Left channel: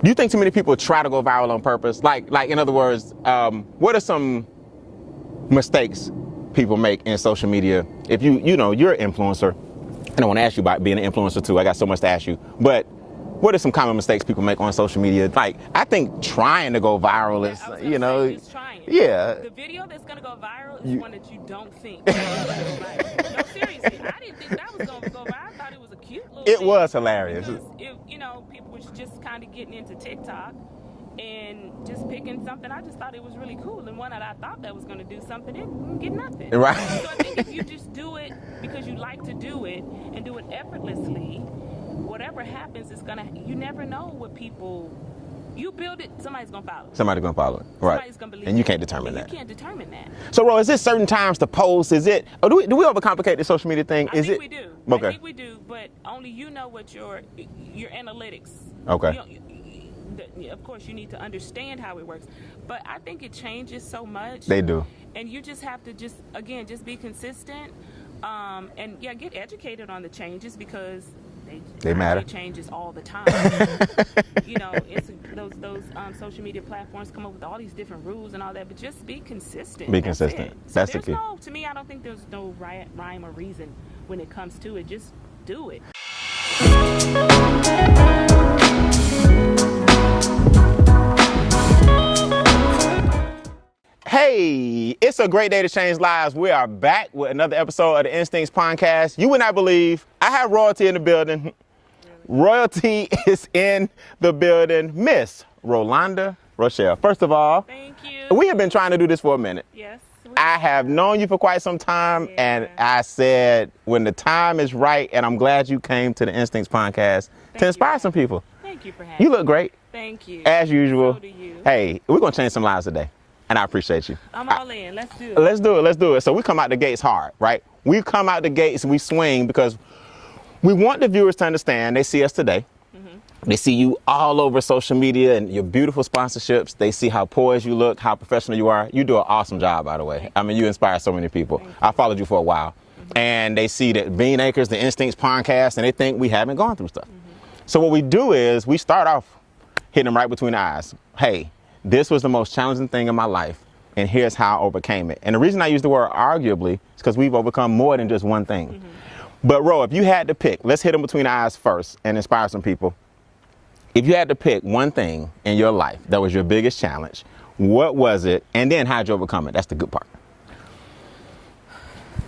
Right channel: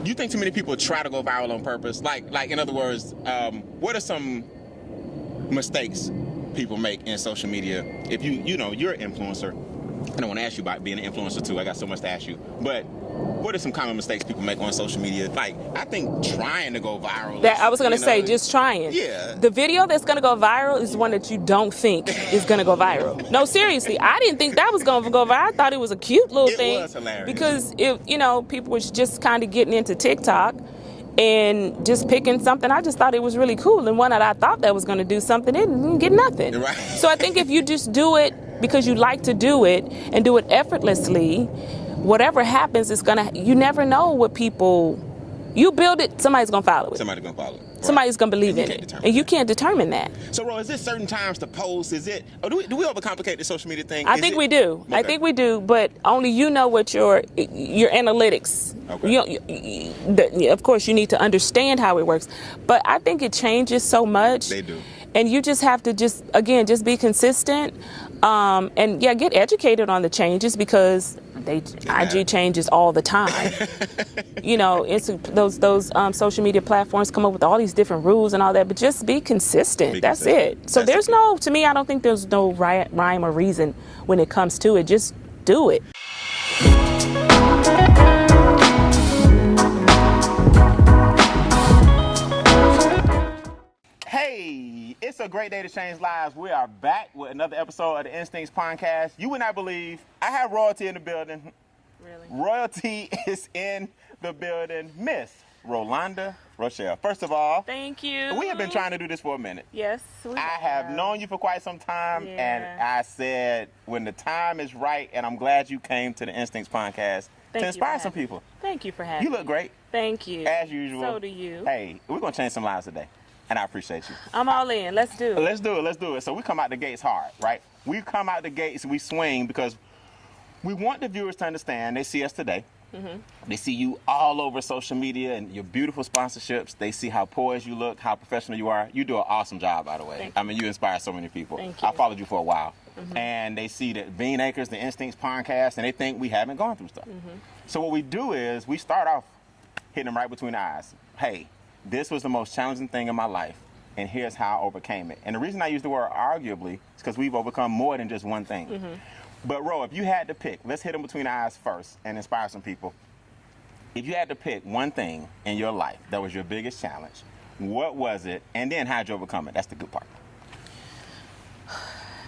Do you think too many people try to go viral on purpose? Like in other words, what are some mistakes people make in social media? If you're an influencer, and I want to ask you about being an influencer too. I got so much to ask you. But what are some common mistakes people make on social media? Like, I think trying to go viral is, I was going to say, just trying. Yeah. The video that's going to go viral is one that you don't think is going to go viral. No, seriously, I didn't think that was going to go viral. I thought it was a cute little thing. It was hilarious. Because, people were just kind of getting into TikTok and just picking something. I just thought it was really cool. And one that I thought that was going to do something, it didn't get nothing. Right. So I think if you just do it because you like to do it and do it effortlessly, whatever happens, you never know what people, you build it, somebody's going to follow it. Somebody's going to follow it. Right. Somebody's going to believe it. And you can't determine that. And you can't determine that. So, Ro, is there certain times to post? Is it, or do we overcomplicate the social media thing? I think we do. Okay. I think we do, but only you know what your analytics. Okay. Of course, you need to understand how it works. But I think it changes so much. They do. And you just have to just be consistent. And get educated on the changes because IG changes all the time. It's those social media platforms come up with all these different rules and all that, but just be consistent. That's it. So to me, I don't think there's no rhyme or reason when it comes to it. Just do it. Hey, it's a great day to change lives. We are back with another episode of the Instincts Podcast. You would not believe I have royalty in the building. Really? Royalty is in the building. Miss Rolanda Rochelle. First of all, thank you. We have been trying to do this for a minute. Yes. I have known you for quite some time, and I said when the time is right, and I'm glad you came to the Instincts Podcast to inspire some people. Thank you for having me. You look great. Thank you. As usual. So do you. Hey, we're going to change some lives today. And I appreciate you. I'm all in. Let's do it. Let's do it. So we come out the gates hard, right? We come out the gates and we swing because we want the viewers to understand. They see us today. Mm-hmm. They see you all over social media and your beautiful sponsorships. They see how poised you look, how professional you are. You do an awesome job, by the way. I mean, you inspire so many people. I followed you for a while. Mm-hmm. And they see that Bean Acres, the Instincts Podcast, and they think we haven't gone through stuff. Mm-hmm. So what we do is we start off hitting them right between the eyes. Hey, this was the most challenging thing in my life, and here's how I overcame it. And the reason I use the word arguably is because we've overcome more than just one thing. Mm-hmm. But Ro, if you had to pick, let's hit them between the eyes first and inspire some people. If you had to pick one thing in your life that was your biggest challenge, what was it? And then how'd you overcome it? That's the good part.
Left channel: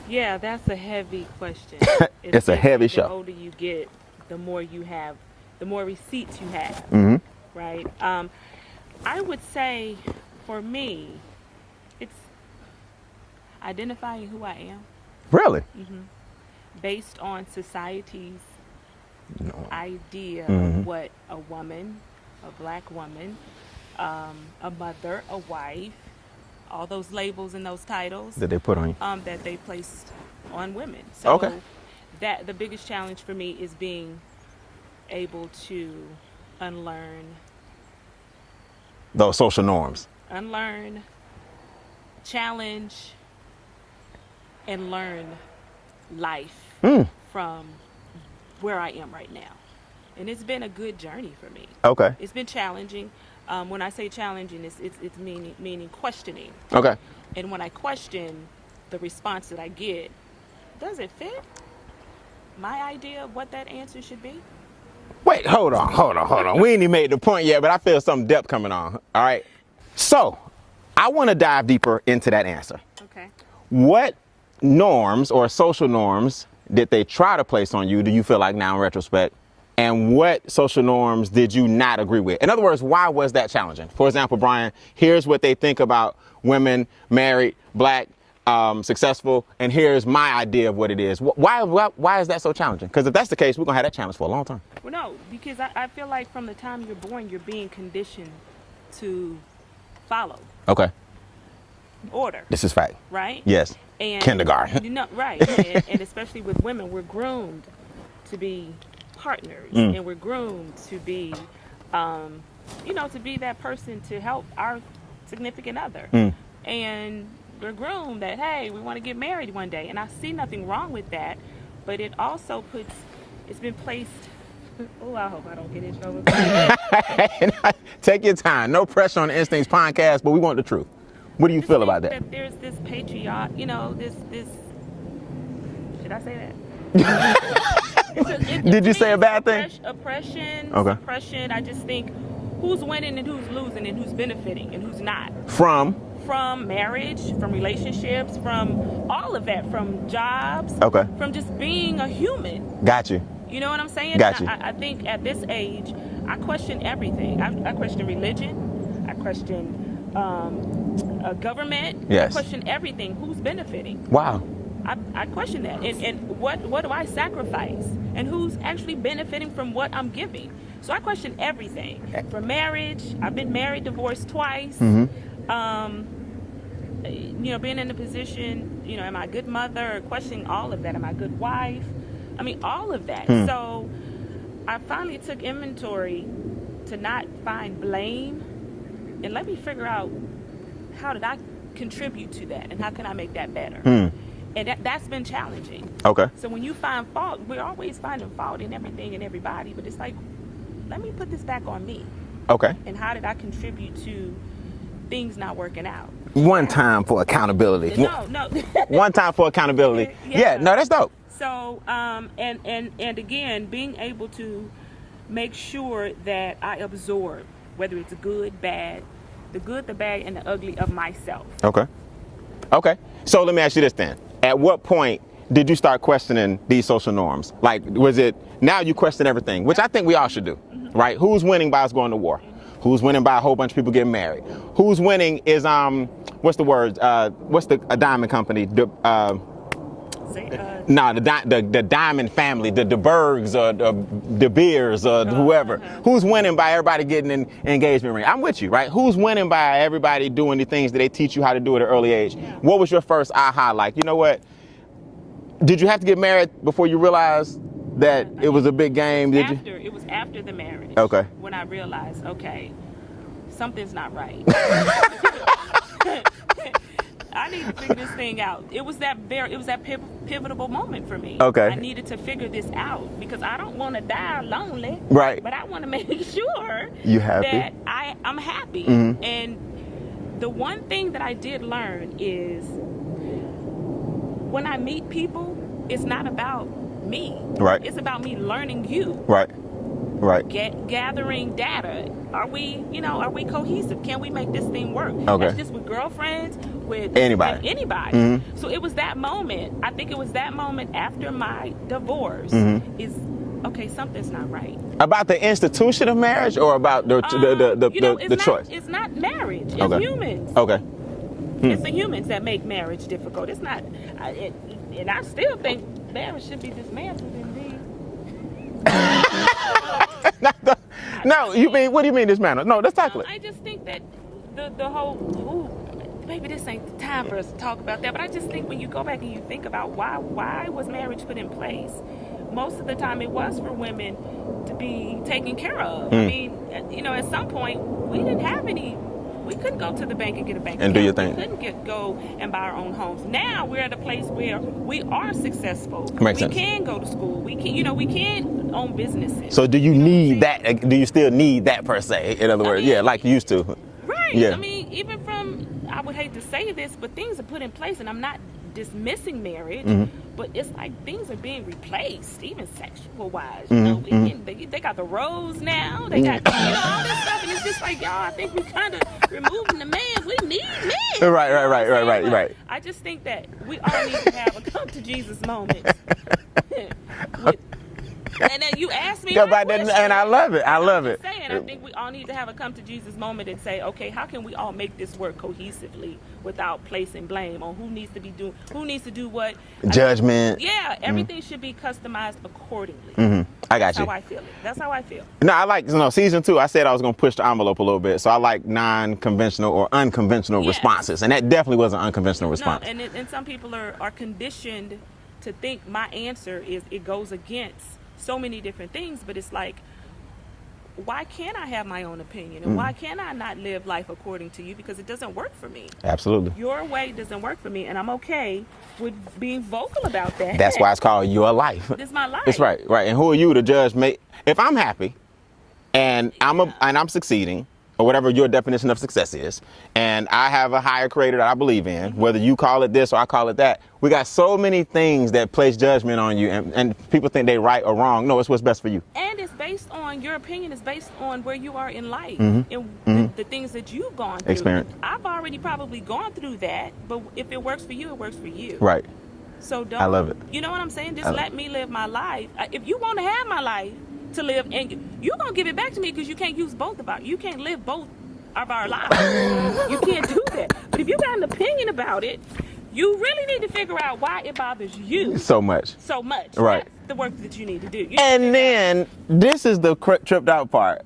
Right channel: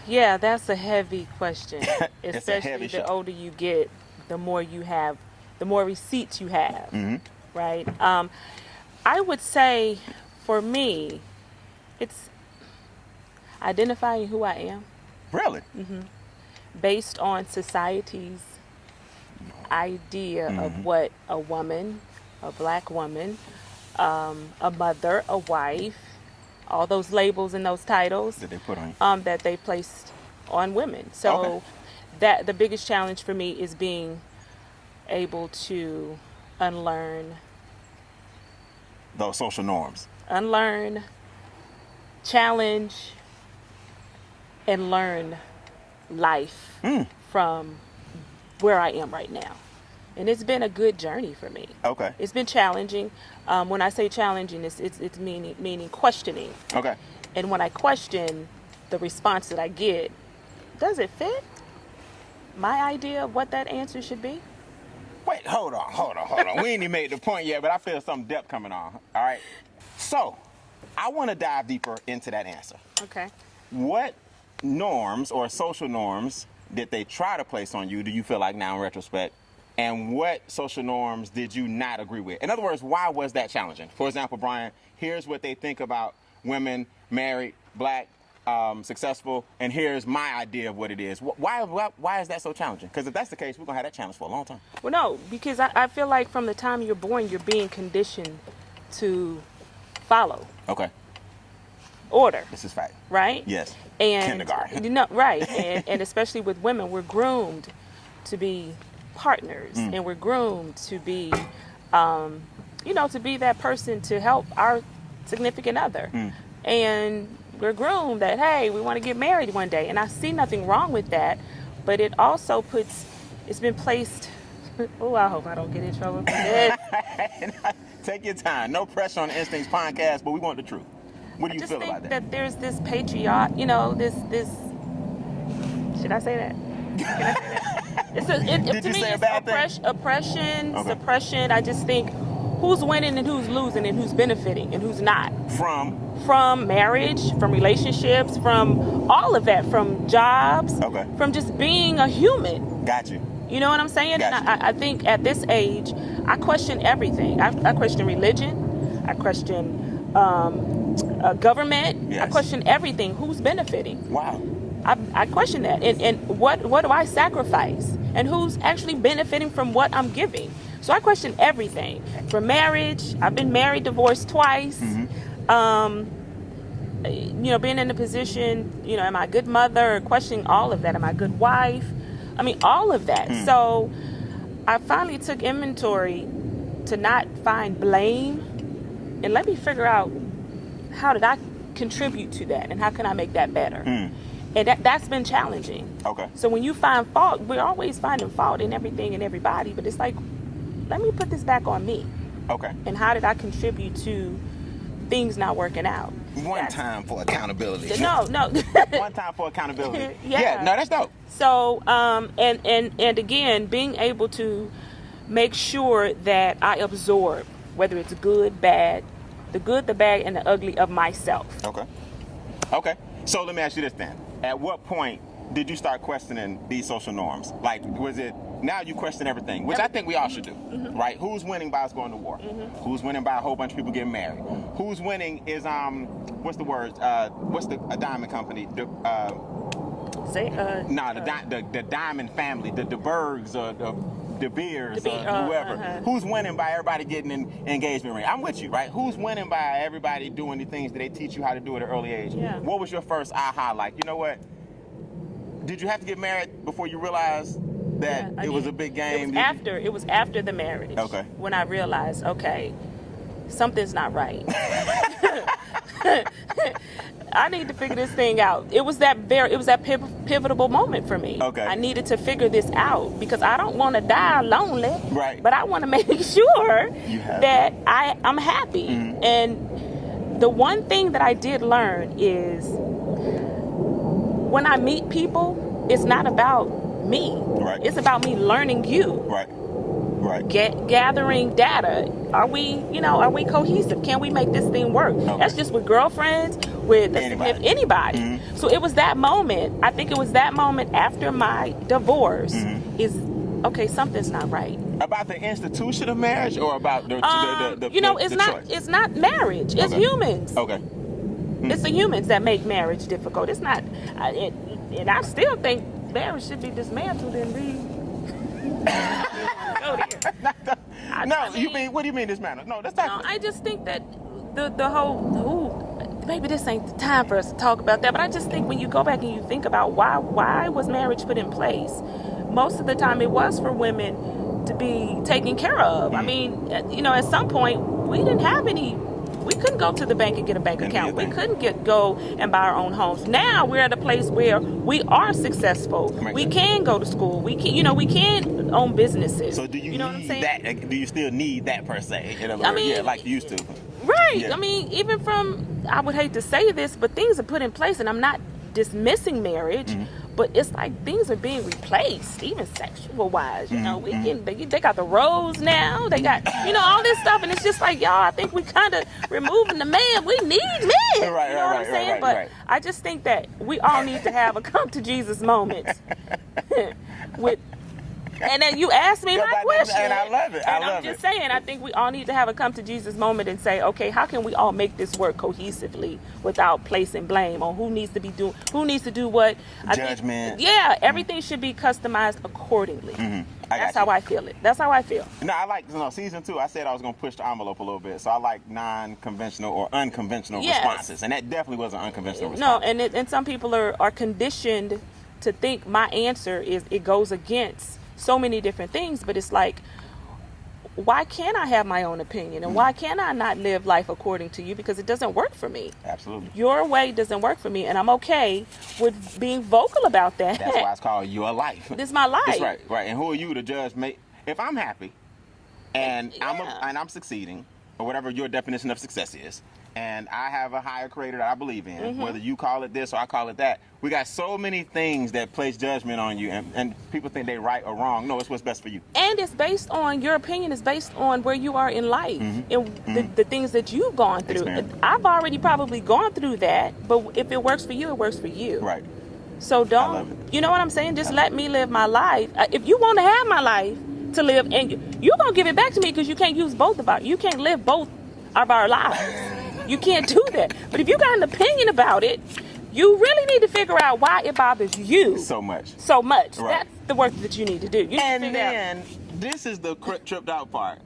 Yeah, that's a heavy question. It's a heavy show. The older you get, the more you have, the more receipts you have, mm-hmm. right? I would say, for me, it's identifying who I am. Really? Mm-hmm. Based on society's idea mm-hmm. of what a woman, a black woman, a mother, a wife, all those labels and those titles that they put on you, that they placed on women. So that the biggest challenge for me is being able to unlearn those social norms. Unlearn, challenge, and learn life from where I am right now. And it's been a good journey for me. Okay. It's been challenging. When I say challenging, it's meaning questioning. Okay. And when I question the response that I get, does it fit my idea of what that answer should be? Wait, hold on. We ain't even made the point yet, but I feel some depth coming on. All right. So, I want to dive deeper into that answer. Okay. What norms or social norms did they try to place on you, do you feel like now in retrospect? And what social norms did you not agree with? In other words, why was that challenging? For example, Brian, here's what they think about women, married, black, successful, and here's my idea of what it is. Why is that so challenging? Because if that's the case, we're going to have that challenge for a long time. Well, no, because I feel like from the time you're born, you're being conditioned to follow. Okay. Order. This is fact. Right? Yes. And kindergarten. Right. and especially with women, we're groomed to be partners, and we're groomed to be, to be that person to help our significant other. And we're groomed that, hey, we want to get married one day. And I see nothing wrong with that, but it also it's been placed Oh, I hope I don't get in trouble for that. Take your time. No pressure on the Instincts podcast, but we want the truth. What do you feel about that? That there's this patriarch, you know, this. Should I say that? Did you say a bad thing? Oppression, Okay. suppression. I just think who's winning and who's losing and who's benefiting and who's not. From marriage, from relationships, from all of that, from jobs, Okay. from just being a human. Got you. You know what I'm saying? Got you. I think at this age, I question everything. I question religion. I question government. Yes. I question everything. Who's benefiting? Wow. I question that. And what do I sacrifice? And who's actually benefiting from what I'm giving? So I question everything. From marriage, I've been married, divorced twice. Mm-hmm. You know, being in a position, you know, am I a good mother? Questioning all of that. Am I a good wife? I mean, all of that. So I finally took inventory to not find blame and let me figure out how did I contribute to that and how can I make that better? And that's been challenging. Okay. So when you find fault, we're always finding fault in everything and everybody, but it's like, let me put this back on me. Okay. And how did I contribute to things not working out? One time for accountability. No. One time for accountability. Yeah. No, that's dope. So, and again, being able to make sure that I absorb, whether it's good, bad, the good, the bad, and the ugly of myself. Okay. Okay. So let me ask you this then. At what point did you start questioning these social norms? Like, was it, now you question everything, which I think we all should do, right? Who's winning by us going to war? Who's winning by a whole bunch of people getting married? Who's winning is, what's the word? What's a diamond company? The diamond family, the Bergs or the Beers or whoever. Who's winning by everybody getting an engagement ring? I'm with you, right? Who's winning by everybody doing the things that they teach you how to do at an early age? Yeah. What was your first aha like? You know what? Did you have to get married before you realized that it was a big game? It was after the marriage. Okay. When I realized, okay, something's not right. I need to figure this thing out. It was that pivotal moment for me. Okay. I needed to figure this out because I don't want to die lonely. Right. But I want to make sure that I'm happy. And the one thing that I did learn is when I meet people, it's not about me. Right. It's about me learning you. Right. Right. Gathering data. Are we cohesive? Can we make this thing work? Okay. That's just with girlfriends, with anybody. So it was that moment. I think it was that moment after my divorce is, okay, something's not right. About the institution of marriage or about the choice? It's not marriage. It's humans. Okay. It's the humans that make marriage difficult. It's not, and I still think marriage should be dismantled and what do you mean dismantled? No, let's talk about it. I just think that the whole, maybe this ain't the time for us to talk about that, but I just think when you go back and you think about why was marriage put in place, most of the time it was for women to be taken care of. I mean, you know, at some point we didn't have any. We couldn't go to the bank and get a bank account. We couldn't go and buy our own homes. Now we're at a place where we are successful. We can go to school. We can own businesses. So do you need that? Do you still need that per se? In other words, like you used to. Right. Yeah. I mean, even from, I would hate to say this, but things are put in place, and I'm not dismissing marriage, but it's like things are being replaced, even sexual-wise. You know, they got the roles now. They got, all this stuff, and it's just like, y'all, I think we kind of removing the man. We need men. Right. I just think that we all need to have a come to Jesus moment. And then you asked me my question. And I love it. I'm just saying, I think we all need to have a come to Jesus moment and say, okay, how can we all make this work cohesively without placing blame on who needs to do what? Judgment. Everything should be customized accordingly. That's how I feel it. That's how I feel. No, I like, season 2, I said I was going to push the envelope a little bit. So I like non-conventional or unconventional responses. And that definitely was an unconventional response. No, and some people are conditioned to think my answer is, it goes against so many different things, but it's like, why can't I have my own opinion? And why can I not live life according to you? Because it doesn't work for me. Absolutely. Your way doesn't work for me, and I'm okay with being vocal about that. That's why it's called your life. This is my life. That's right. And who are you to judge if I'm happy and I'm succeeding, or whatever your definition of success is, and I have a higher creator that I believe in, whether you call it this or I call it that, we got so many things that place judgment on you, and people think they right or wrong. No, it's what's best for you. And it's based on, your opinion is based on where you are in life and the things that you've gone through. Experience. I've already probably gone through that, but if it works for you, it works for you. Right. So don't, I love it. You know what I'm saying? Just let me live my life. If you want to have my life to live, and you're going to give it back to me, because you can't use both of our, you can't live both of our lives. You can't do that. But if you got an opinion about it, you really need to figure out why it bothers you So much. Right. That's the work that you need to do. And then this is the tripped out part.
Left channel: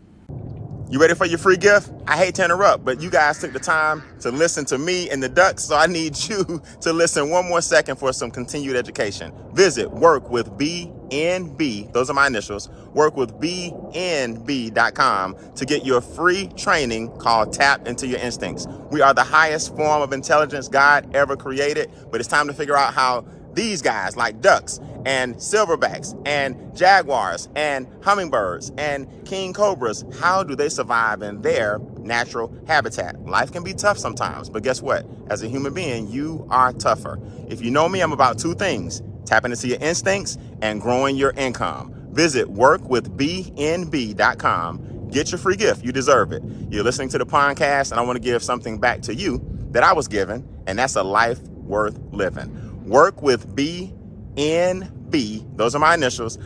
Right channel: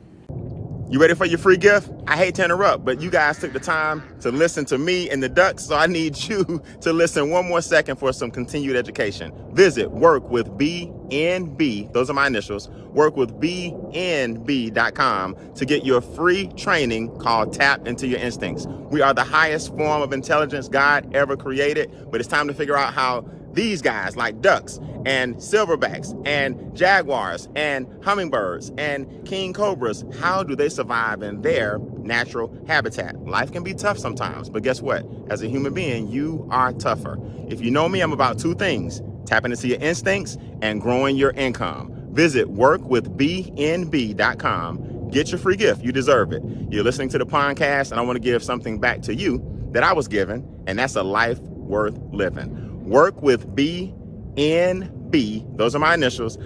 You ready for your free gift? I hate to interrupt, but you guys took the time to listen to me and the ducks, so I need you to listen one more second for some continued education. Visit workwithbnb, those are my initials, workwithbnb.com to get your free training called Tap Into Your Instincts. We are the highest form of intelligence God ever created, but it's time to figure out how these guys like ducks and silverbacks and jaguars and hummingbirds and king cobras, how do they survive in their natural habitat? Life can be tough sometimes, but guess what? As a human being, you are tougher. If you know me, I'm about two things: tapping into your instincts and growing your income. Visit workwithbnb.com. Get your free gift. You deserve it. You're listening to the podcast, and I want to give something back to you that I was given, and that's a life worth living. Workwithbnb, those are my initials,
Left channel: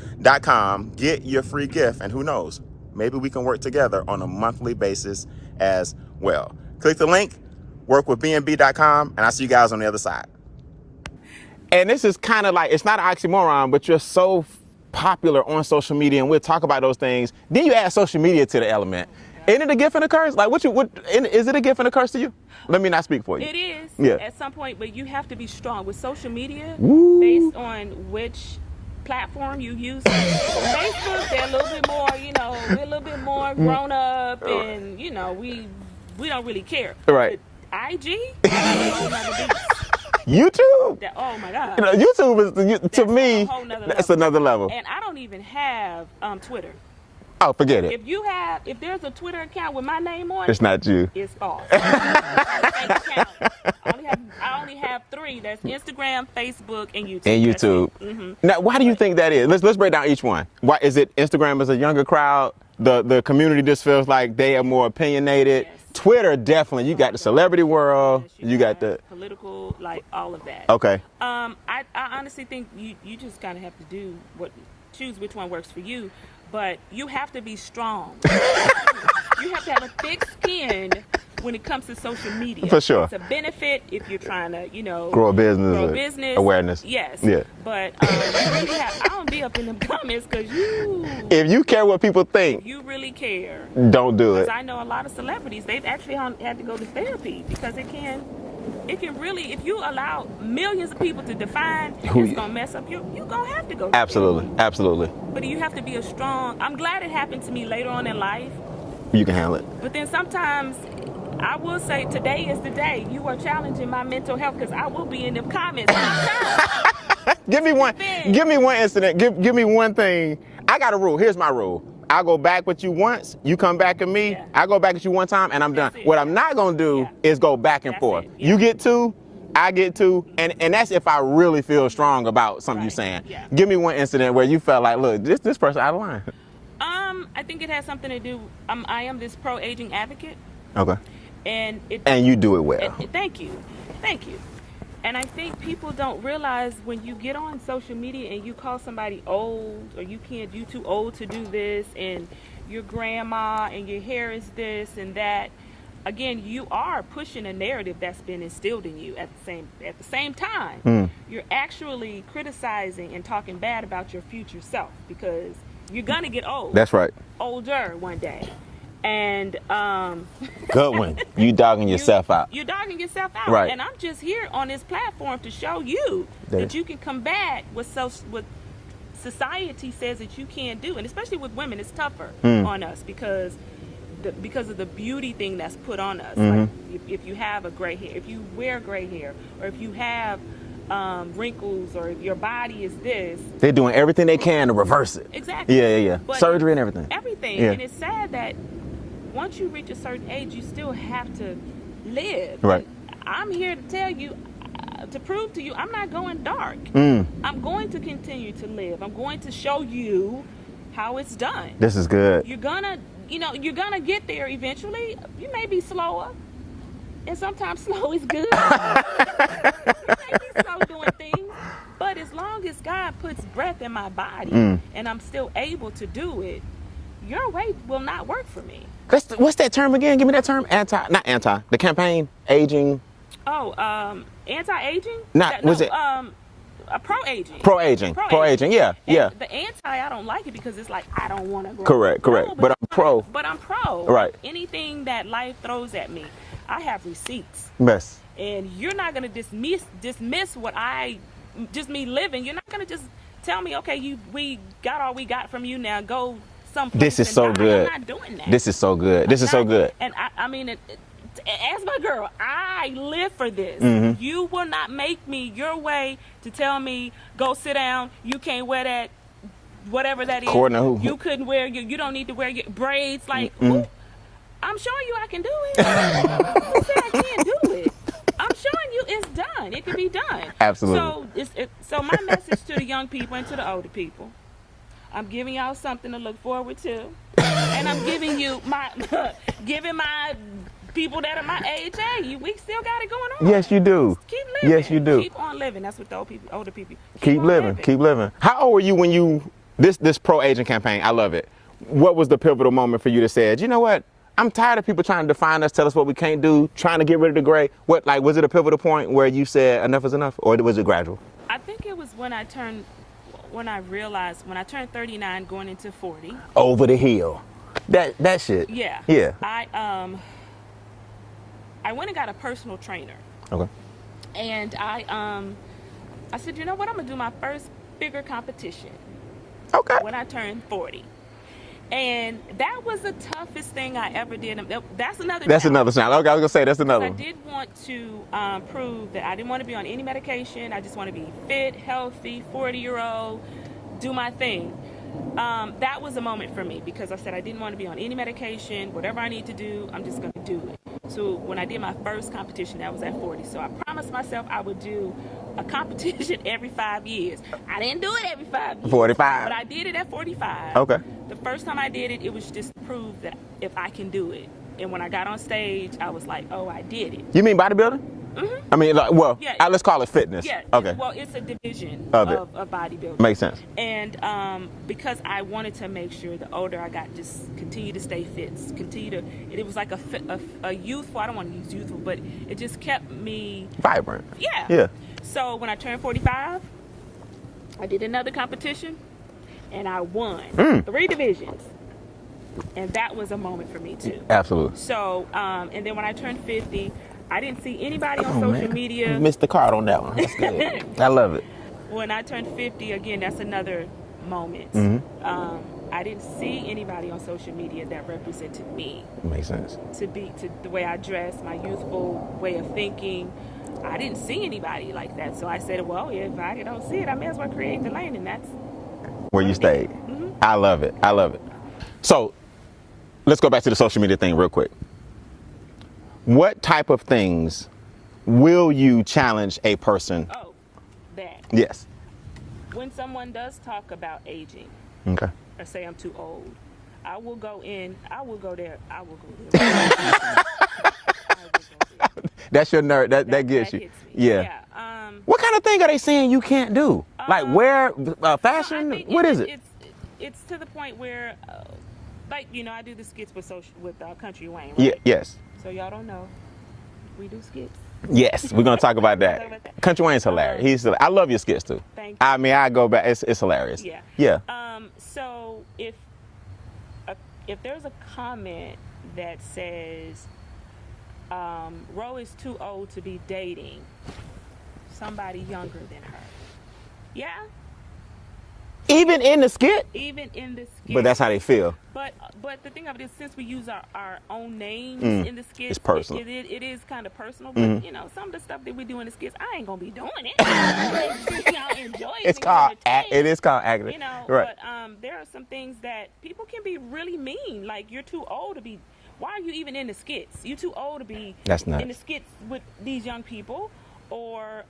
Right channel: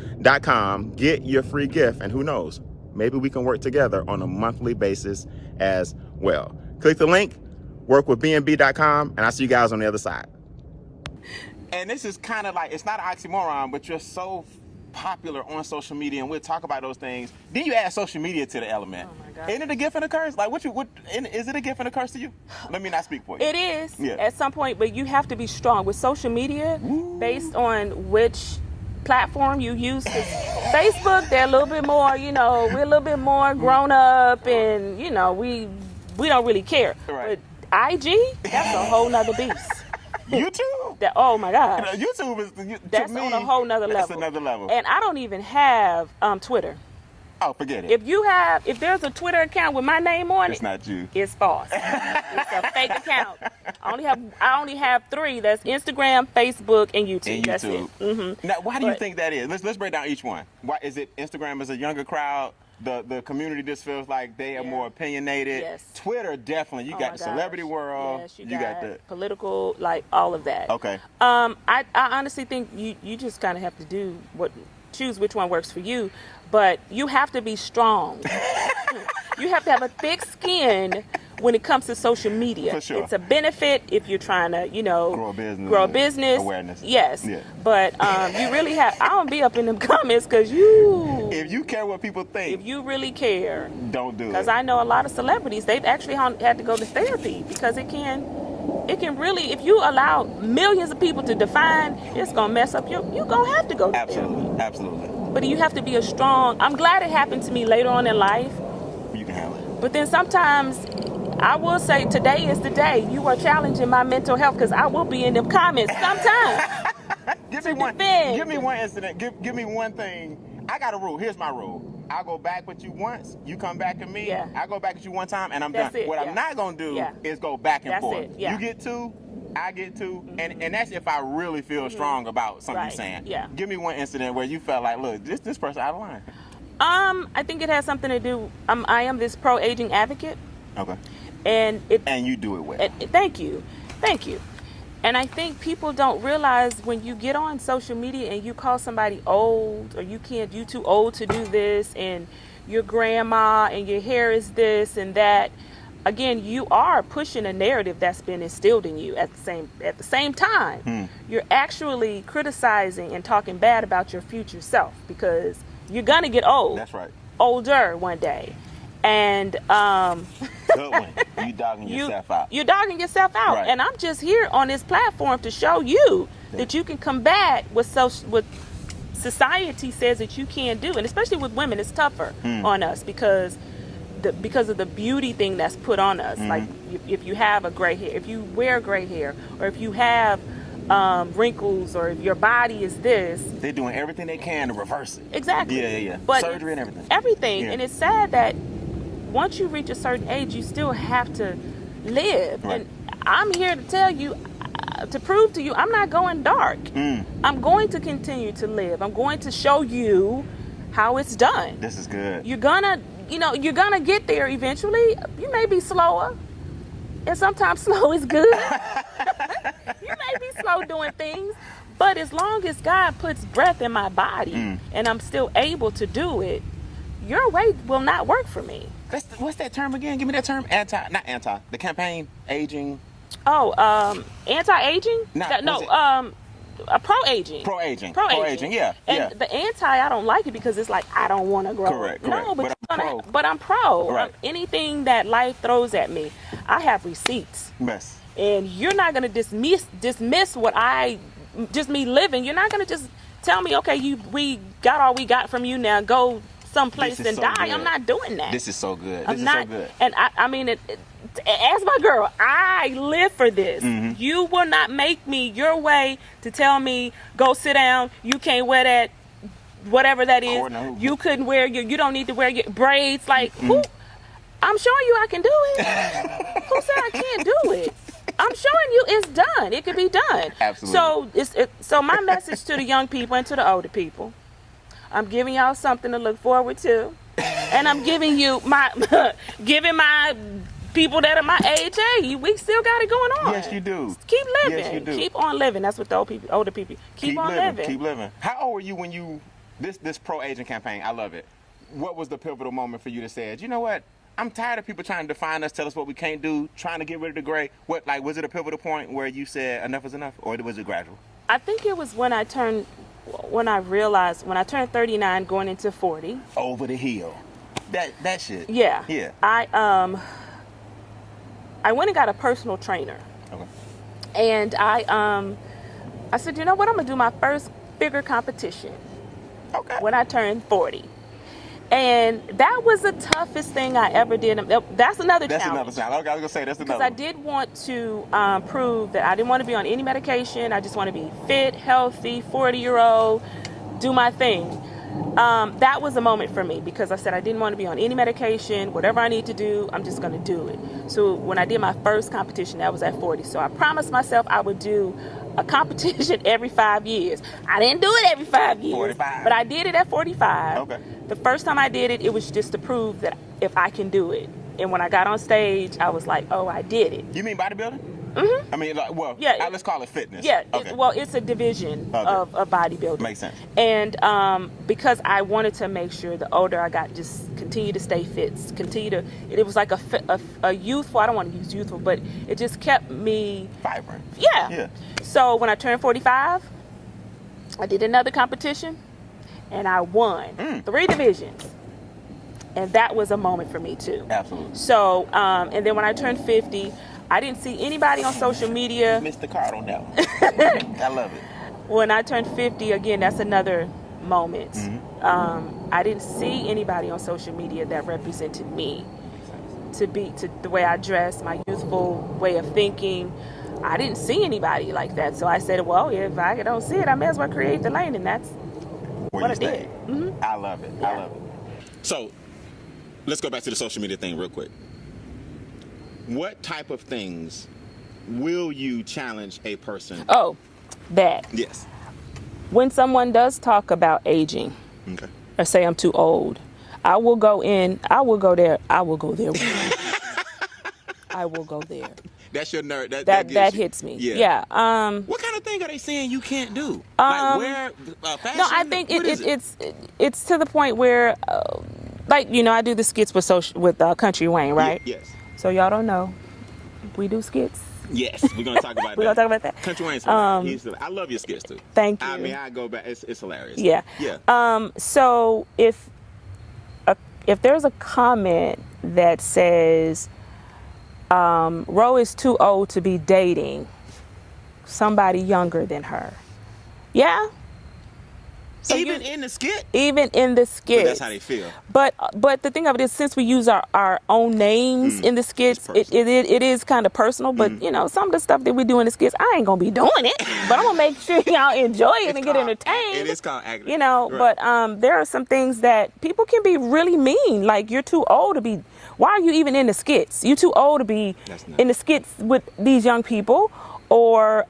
.com. Get your free gift, and who knows, maybe we can work together on a monthly basis as well. Click the link, workwithbnb.com, and I'll see you guys on the other side. And this is kind of like, it's not an oxymoron, but you're so popular on social media, and we'll talk about those things. Then you add social media to the element. Isn't it a gift and a curse? Like, is it a gift and a curse to you? Let me not speak for you. It is, yeah, at some point, but you have to be strong with social media. Woo. Based on which platform you use. Facebook, they're a little bit more, we're a little bit more grown up, and we don't really care. Right. But IG, that's a whole nother beast. YouTube? Oh my God. YouTube is, to me, a whole nother that's level. another level. And I don't even have Twitter. Oh, forget it. If there's a Twitter account with my name on it, it's not you. It's false. It's a fake account. I only have 3. That's Instagram, Facebook, and YouTube. Now, why do you think that is? Let's break down each one. Why is it? Instagram is a younger crowd. The community just feels like they are more opinionated. Yes. Twitter, definitely. You got the celebrity world. Yes, you got the political, like all of that. Okay. I honestly think you just kind of have to choose which one works for you. But you have to be strong. You have to have a thick skin when it comes to social media. For sure. It's a benefit if you're trying to, grow a business. Awareness. Yes. Yeah. But you really have, I don't be up in them comments because if you care what people think. If you really care. Don't do it. Because I know a lot of celebrities, they've actually had to go to therapy because it can really, if you allow millions of people to define it's going to mess up you're going to have to go to therapy. Absolutely. But you have to be I'm glad it happened to me later on in life. You can handle it. But then sometimes, I will say today is the day you are challenging my mental health because I will be in them comments sometimes. Give me one incident. Give me one thing. I got a rule. Here's my rule. I'll go back with you once, you come back at me, I go back at you one time, and I'm done. What I'm not going to do is go back and forth. You get 2, I get 2, and that's if I really feel strong about something you're saying. Yeah. Give me one incident where you felt like, look, this person out of line. I think it has something to do, I am this pro-aging advocate. Okay. And you do it well. Thank you. And I think people don't realize when you get on social media and you call somebody old, or you too old to do this, and your grandma, and your hair is this and that. Again, you are pushing a narrative that's been instilled in you. At the same time, you're actually criticizing and talking bad about your future self because you're gonna get old. That's right. Older one day. And good one. You dogging yourself out. You're dogging yourself out. Right. And I'm just here on this platform to show you that you can combat what society says that you can't do. And especially with women, it's tougher on us because of the beauty thing that's put on us. Like if you have a gray hair, if you wear gray hair, or if you have wrinkles, or if your body is this. They're doing everything they can to reverse it. Exactly. Yeah. But surgery and everything. Everything. Yeah. And it's sad that once you reach a certain age, you still have to live. Right. And I'm here to tell you, to prove to you, I'm not going dark. I'm going to continue to live. I'm going to show you how it's done. This is good. You're gonna get there eventually. You may be slower, and sometimes slow is good. You may be slow doing things, but as long as God puts breath in my body and I'm still able to do it, your way will not work for me. What's that term again? Give me that term. The campaign, aging. Oh, anti-aging? Pro-aging. Pro-aging, yeah. The anti, I don't like it because it's like, I don't want to grow. Correct. No, but I'm pro. But I'm pro. Right. Anything that life throws at me, I have receipts. Yes. And you're not going to dismiss what just me living. You're not going to just tell me, okay, we got all we got from you, now go someplace and die. Good. I'm not doing that. This is so good. This is so good. And I mean, as my girl, I live for this. You will not make me your way to tell me, go sit down, you can't wear that, whatever that is. You couldn't wear you don't need to wear your braids. Like, who, I'm showing you I can do it. Who said I can't do it? I'm showing you it's done. It can be done. Absolutely. So my message to the young people and to the older people, I'm giving y'all something to look forward to. And I'm giving you my people that are my age, hey, we still got it going on. Yes, you do. Just keep living. Yes, you do. Keep on living. That's what the older people. Keep living. How old were you when you this pro-aging campaign? I love it. What was the pivotal moment for you to say, you know what? I'm tired of people trying to define us, tell us what we can't do, trying to get rid of the gray. Was it a pivotal point where you said enough is enough, or was it gradual? I think it was when I realized when I turned 39, going into 40. Over the hill. That shit. Yeah. Yeah. I went and got a personal trainer. Okay. And I said, you know what? I'm gonna do my first bigger competition. Okay. When I turned 40. And that was the toughest thing I ever did. That's another challenge. Okay, I was going to say, that's another one. I did want to prove that I didn't want to be on any medication. I just want to be fit, healthy, 40-year-old, do my thing. That was a moment for me because I said I didn't want to be on any medication. Whatever I need to do, I'm just going to do it. So when I did my first competition, that was at 40. So I promised myself I would do a competition every 5 years. I didn't do it every 5 years. 45. But I did it at 45. Okay. The first time I did it, it was just to prove that if I can do it. And when I got on stage, I was like, oh, I did it. You mean bodybuilding? Mm-hmm. I mean, let's call it fitness. Yeah. Okay. It's a division of bodybuilding. Makes sense. And because I wanted to make sure the older I got, just continue to stay fit, it was like a youthful, I don't want to use youthful, but it just kept me vibrant. Yeah. Yeah. So when I turned 45, I did another competition and I won 3 divisions. And that was a moment for me too. Absolutely. So, and then when I turned 50, I didn't see anybody on social media. You missed the card on that one. I love it. When I turned 50, again, that's another moment. I didn't see anybody on social media that represented me. Makes sense. To the way I dress, my youthful way of thinking. I didn't see anybody like that. So I said, well, if I don't see it, I may as well create the lane, and that's where you stayed. I love it. Yeah. I love it. So let's go back to the social media thing real quick. What type of things will you challenge a person? Oh, that. Yes. When someone does talk about aging, okay, or say I'm too old, I will go there. I will go there. I will go there. That's your nerd. That gets that you. hits me. Yeah. What kind of thing are they saying you can't do? Like wear fashion? No, I think what is it? It's to the point where, I do the skits with Country Wayne, right? Yes. So y'all don't know, we do skits. Yes, we're gonna talk about that. We're gonna talk about that. Country Wayne's hilarious. I love your skits too. Thank you. I mean, I go back. It's hilarious. Yeah. Yeah. So if there's a comment that says, Ro is too old to be dating somebody younger than her. Yeah. So even in the skit? Even in the skit. But that's how they feel. But the thing of it is, since we use our own names in the skits, it is kind of personal. But you know, some of the stuff that we do in the skits, I ain't gonna be doing it. But I'm gonna make sure y'all enjoy it and get entertained. It is called acting. You know, right. But there are some things that people can be really mean. Like, you're too old to be. Why are you even in the skits? You're too old to be in the skits with these young people. Or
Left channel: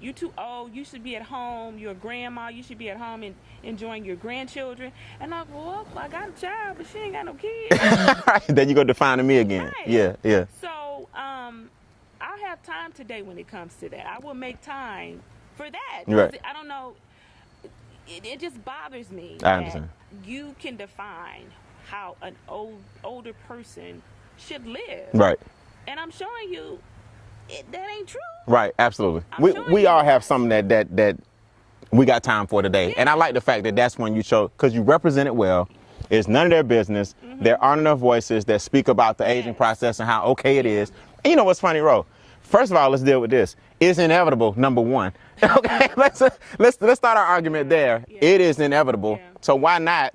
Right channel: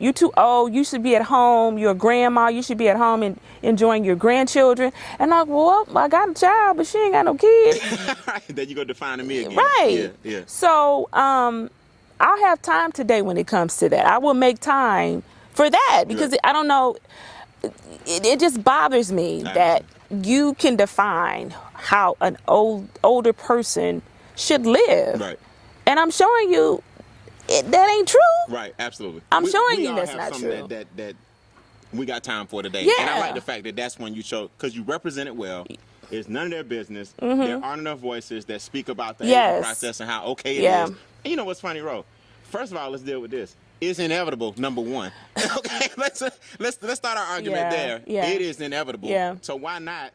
you're too old, you should be at home, you're a grandma, you should be at home and enjoying your grandchildren. And I'm like, well, I got a child, but she ain't got no kids. Then you go defining me again. Right. Yeah, yeah. So I'll have time today when it comes to that. I will make time for that because I don't know, it just bothers me that you can define how an older person should live. Right. And I'm showing you, that ain't true. Right, absolutely. We all have something that we got time for today. Yeah. And I like the fact that that's when you show, because you represent it well. It's none of their business. There aren't enough voices that speak about the aging process and how okay it is. And you know what's funny, Ro? First of all, let's deal with this. It's inevitable, number one. Okay, let's start our argument there. Yeah. It is inevitable. Yeah. So why not?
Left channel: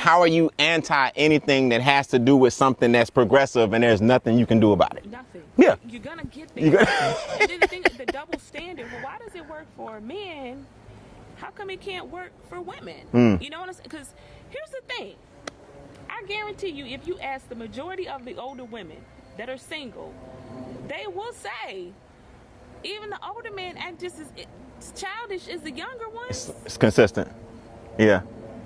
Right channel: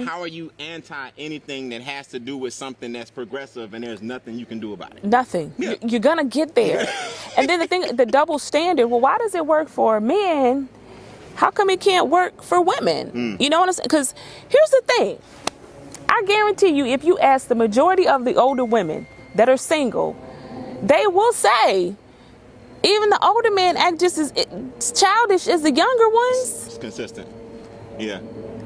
How are you anti anything that has to do with something that's progressive and there's nothing you can do about it? Nothing. Yeah. You're going to get there. And then the double standard, well, why does it work for men? How come it can't work for women? You know what I'm saying? Because here's the thing. I guarantee you, if you ask the majority of the older women that are single, they will say, even the older men act just as childish as the younger ones. It's consistent. Yeah.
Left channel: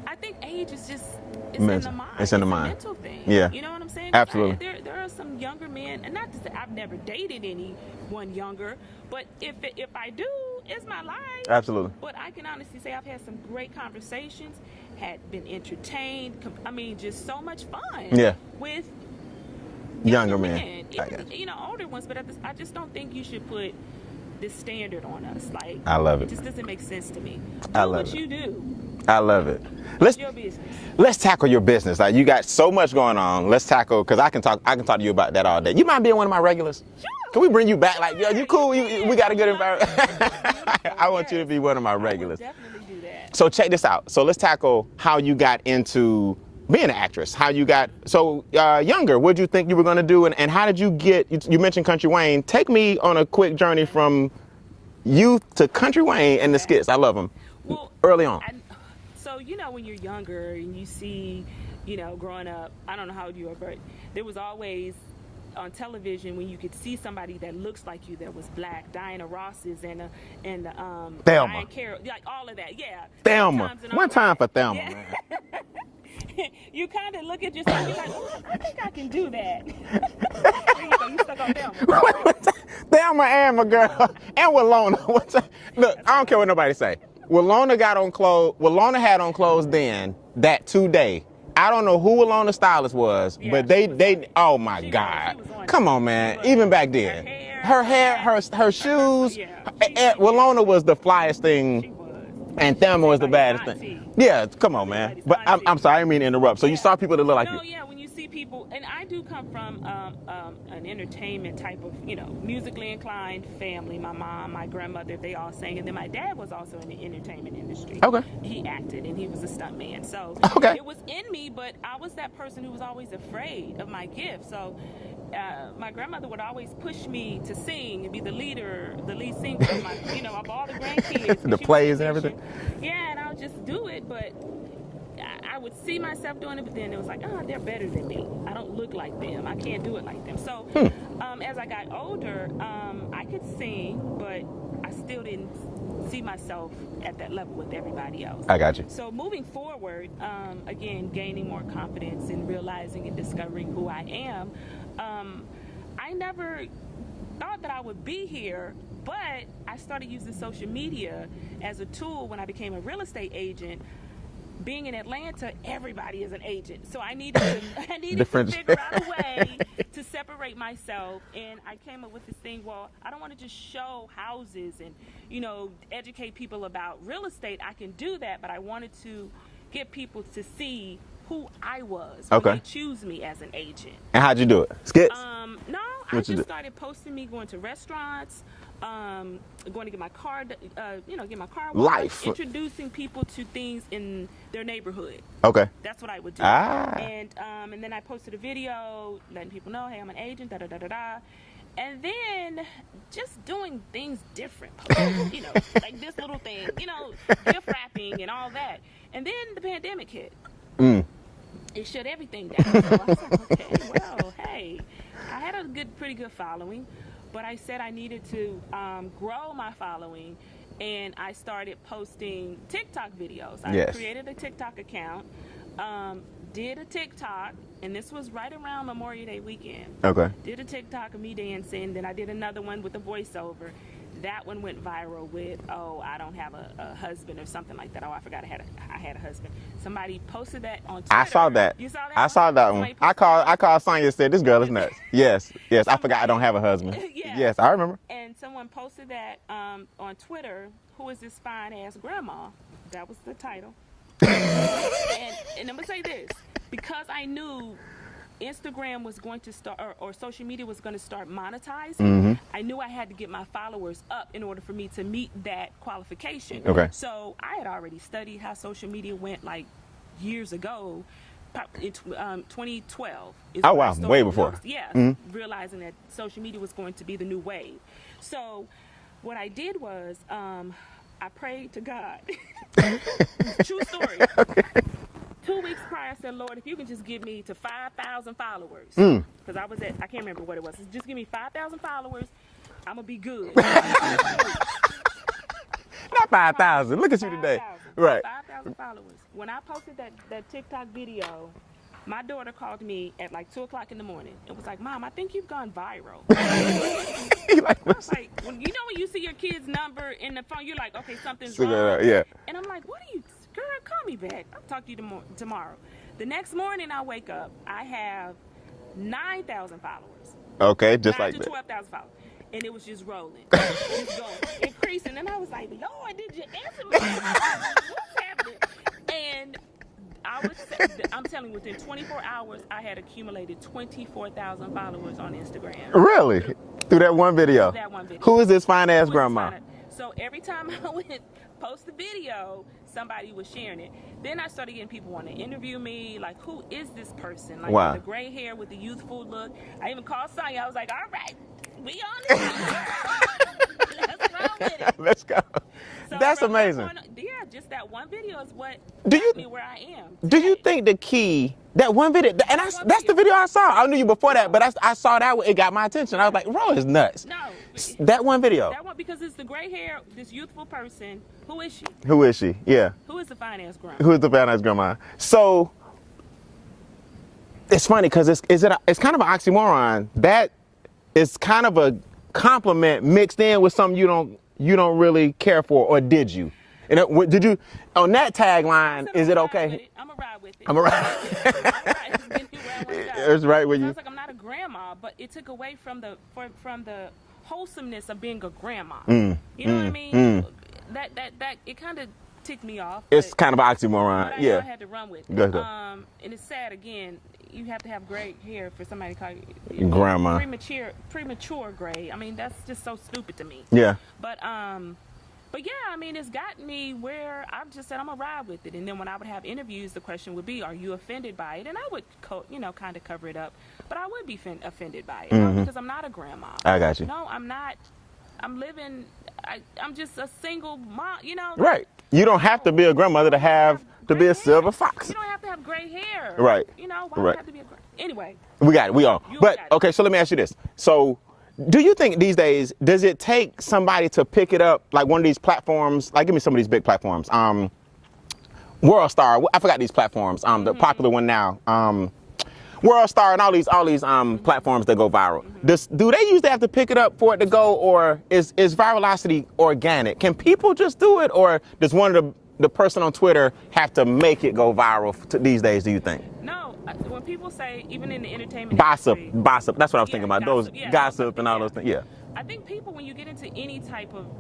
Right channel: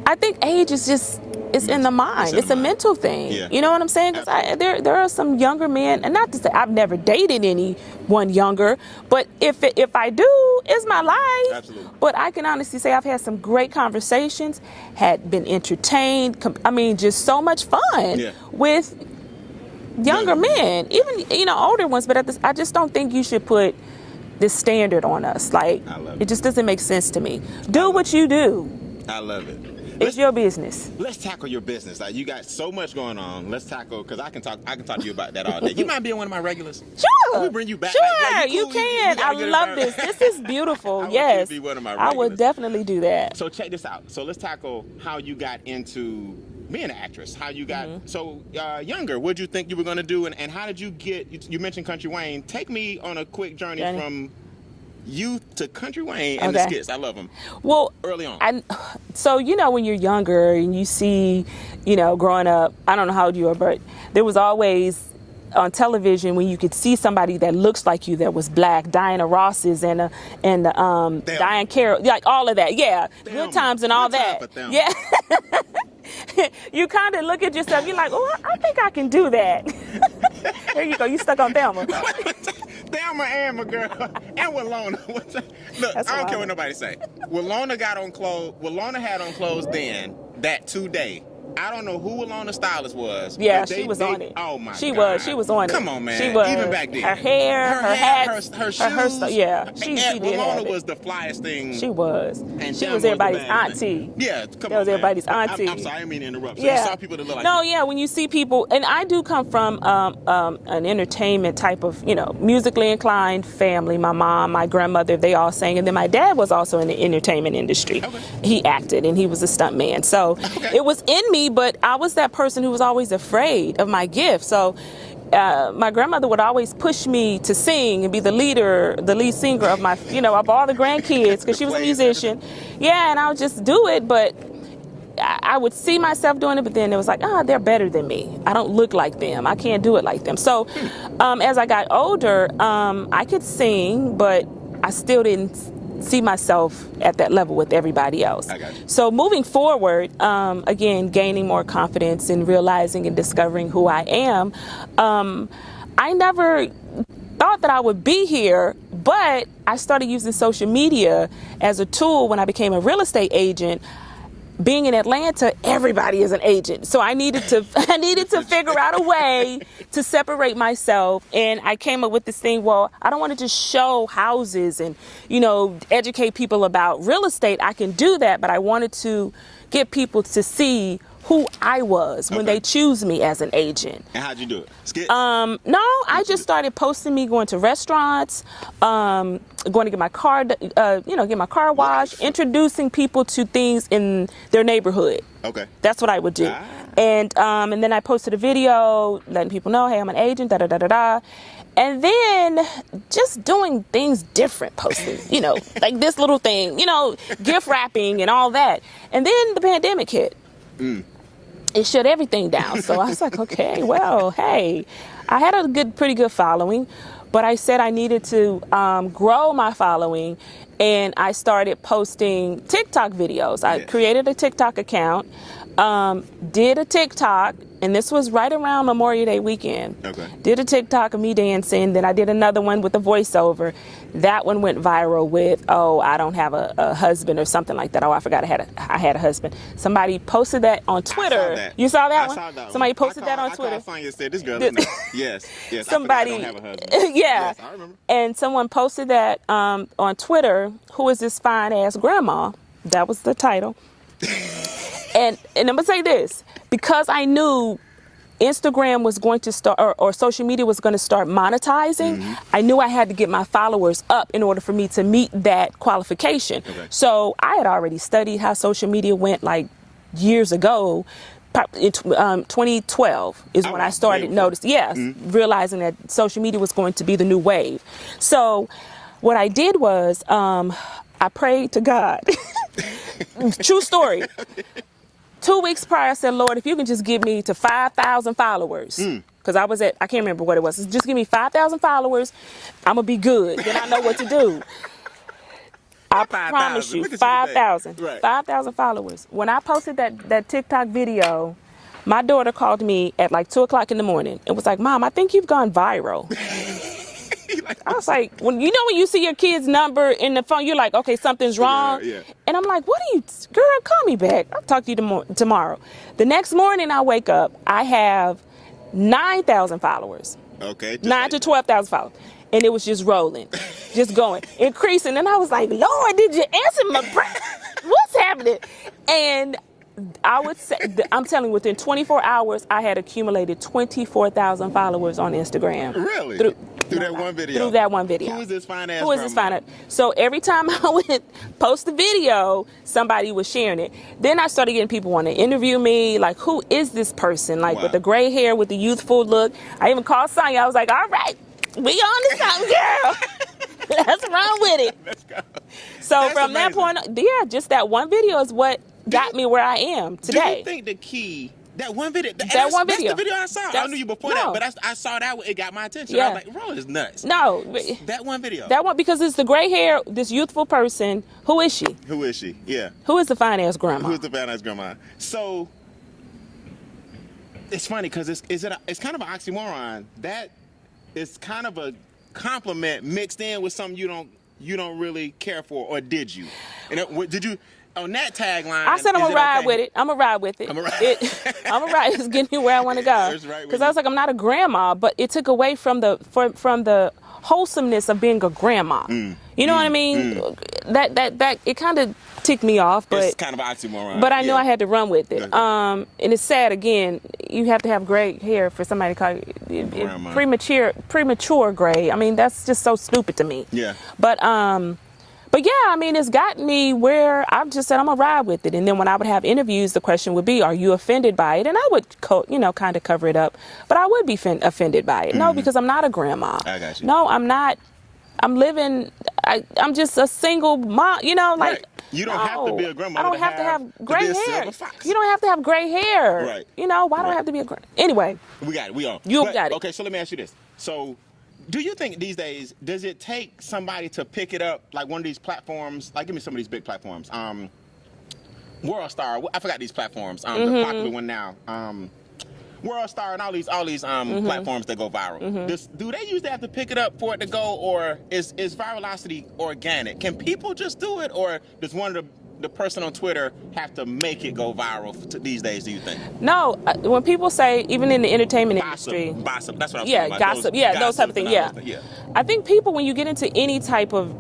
I think age is just, it's in the mind. It's a mental thing. Yeah. You know what I'm saying? Because there are some younger men, and not to say I've never dated anyone younger, but if I do, it's my life. Absolutely. But I can honestly say I've had some great conversations, had been entertained. I mean, just so much fun with younger men, even older ones. But I just don't think you should put this standard on us. Like, I love it. It just doesn't make sense to me. Do what you do. I love it. It's your business. Let's tackle your business. Like, you got so much going on. Let's tackle, because I can talk to you about that all day. You mind being one of my regulars? Sure. Can we bring you back? Sure, like, yeah, you cool. You can. We gotta I get love this. This is beautiful. I want you to be one of my regulars. I would definitely do that. So check this out. So let's tackle how you got into being an actress. How you got younger. What did you think you were going to do, and how did you get? You mentioned Country Wayne. Take me on a quick journey from youth to Country Wayne and the skits. I love them. Well, early on. So, when you're younger and you see, growing up, I don't know how old you are, but there was always on television when you could see somebody that looks like you that was black, Diana Ross's and Diane Carroll, like all of that. Yeah. Thelma. Times and all One that. time for Thelma. Yeah. You kind of look at yourself, you're like, oh, I think I can do that. There you go, you stuck on Thelma. Thelma and my girl, and Rolonda. Look, I don't care what nobody say. Rolonda had on clothes then, that today. I don't know who Rolonda's stylist was, but she was on it. Oh my God. She was on it. Come on, man. She was. Even back then. Her hair, her shoes. Rolonda was the flyest thing. She was. And Thelma was the baddest auntie. thing. Yeah, come on, man. Everybody's auntie. I'm sorry, I didn't mean to interrupt. So you saw people that look like you. When you see people, and I do come from an entertainment type of, musically inclined family. My mom, my grandmother, they all sang. And then my dad was also in the entertainment industry. Okay. He acted, and he was a stunt man. So it was in me, but I was that person who was always afraid of my gift. So my grandmother would always push me to sing and be the lead singer of my, of all the grandkids, because she was a musician. Yeah, and I would just do it, but I would see myself doing it, but then it was like, they're better than me. I don't look like them. I can't do it like them. So as I got older, I could sing, but I still didn't see myself at that level with everybody else. I got you. So moving forward, again, gaining more confidence and realizing and discovering who I am, I never thought that I would be here, but I started using social media as a tool when I became a real estate agent. Being in Atlanta, everybody is an agent. So I needed to figure out a way to separate myself. And I came up with this thing, well, I don't want to just show houses and, educate people about real estate. I can do that, but I wanted to get people to see who I was when they choose me as an agent. And how'd you do it? Skits? No, I just started posting me going to restaurants, going to get my car, get my car washed, introducing people to things in their neighborhood. Okay. That's what I would do. And then I posted a video letting people know, hey, I'm an agent, da da da da da. And then just doing things different, posting, like this little thing, gift wrapping and all that. And then the pandemic hit. It shut everything down. So I was like, okay, well, hey, I had a pretty good following, but I said I needed to grow my following, and I started posting TikTok videos. I created a TikTok account, did a TikTok, and this was right around Memorial Day weekend. Okay. Did a TikTok of me dancing, then I did another one with a voiceover. That one went viral with, oh, I don't have a husband or something like that. Oh, I forgot I had a husband. Somebody posted that on Twitter. I saw that. You saw that one? I saw that Somebody one. Posted that on Twitter. I called Sonya and said, this girl is nuts. Yes. I forgot I don't have a husband. Yes, I remember. And someone posted that on Twitter, who is this fine-ass grandma? That was the title. And I'm going to say this, because I knew Instagram was going to start, or social media was going to start monetizing, I knew I had to get my followers up in order for me to meet that qualification. Okay. So I had already studied how social media went like years ago. In 2012 is when I started noticing, realizing that social media was going to be the new wave. So what I did was I prayed to God. True story. Okay. 2 weeks prior, I said, Lord, if you can just give me to 5,000 followers, because I can't remember what it was. Just give me 5,000 followers, I'm going to be good. And I know what to do. I 5,000. Look at 5,000. Right. 5,000 followers. When I posted that TikTok video, my daughter called me at like 2 o'clock in the morning and was like, Mom, I think you've gone viral. I was like, when you see your kid's number in the phone, you're like, okay, something's wrong. Yeah. And I'm like, girl, call me back. I'll talk to you tomorrow. The next morning I wake up, I have 9,000 followers. Okay. 9 to 12,000 followers. And it was just rolling, just going, increasing. And I was like, Lord, did you answer my prayer? What's happening? And I would say, I'm telling you, within 24 hours, I had accumulated 24,000 followers on Instagram. Really? Through that one video? Through that one video. Who is this fine-ass grandma? So every time I would post a video, somebody was sharing it. Then I started getting people wanting to interview me, like, who is this person? Like, with the gray hair, with the youthful look. I even called Sonya. I was like, all right, we on to something, girl. Let's run with it. Let's go. So that's from amazing. That point, just that one video is what got me where I am today. Do you think the key... That one video, that's the video I saw. I knew you before that, but I saw that, it got my attention. I was like, Ro is nuts. No. That one video. That one, because it's the gray hair, this youthful person. Who is she? Who is she? Yeah. Who is the fine-ass grandma? Who is the fine-ass grandma? So, it's funny, because it's kind of an oxymoron. That is kind of a compliment mixed in with something you don't really care for, or did you? And did you... On that tagline, I said I'm gonna ride with it. I'm gonna ride with it. I'm gonna ride. It's getting me where I want to go. It's right with you. Because I was like, I'm not a grandma, but it took away from the wholesomeness of being a grandma. You know what I mean? That it kind of ticked me off. But, it's kind of an oxymoron. But I knew I had to run with it. And it's sad. Again, you have to have gray hair for somebody to call you grandma. Premature gray. I mean, that's just so stupid to me. Yeah. But yeah, I mean, it's gotten me where I've just said I'm gonna ride with it. And then when I would have interviews, the question would be, are you offended by it? And I would, kind of cover it up. But I would be offended by it. No, because I'm not a grandma. I got you. No, I'm not. I'm living, I'm just a single mom, right. You don't have to be a grandmother to be a silver fox. You don't have to have gray hair. Right. Why do I have to be a grandma? Anyway. We got it. We on. You got it. Okay, so let me ask you this. So, do you think these days, does it take somebody to pick it up, like one of these platforms, like give me some of these big platforms, World Star, I forgot these platforms, the popular one now, World Star and all these platforms that go viral. Do they usually have to pick it up for it to go, or is virality organic? Can people just do it, or does one of the person on Twitter have to make it go viral these days, do you think? No, when people say, even in the entertainment industry. Gossip, that's what I was thinking about. Gossip, those type of things, yeah. I think people, when you get into any type of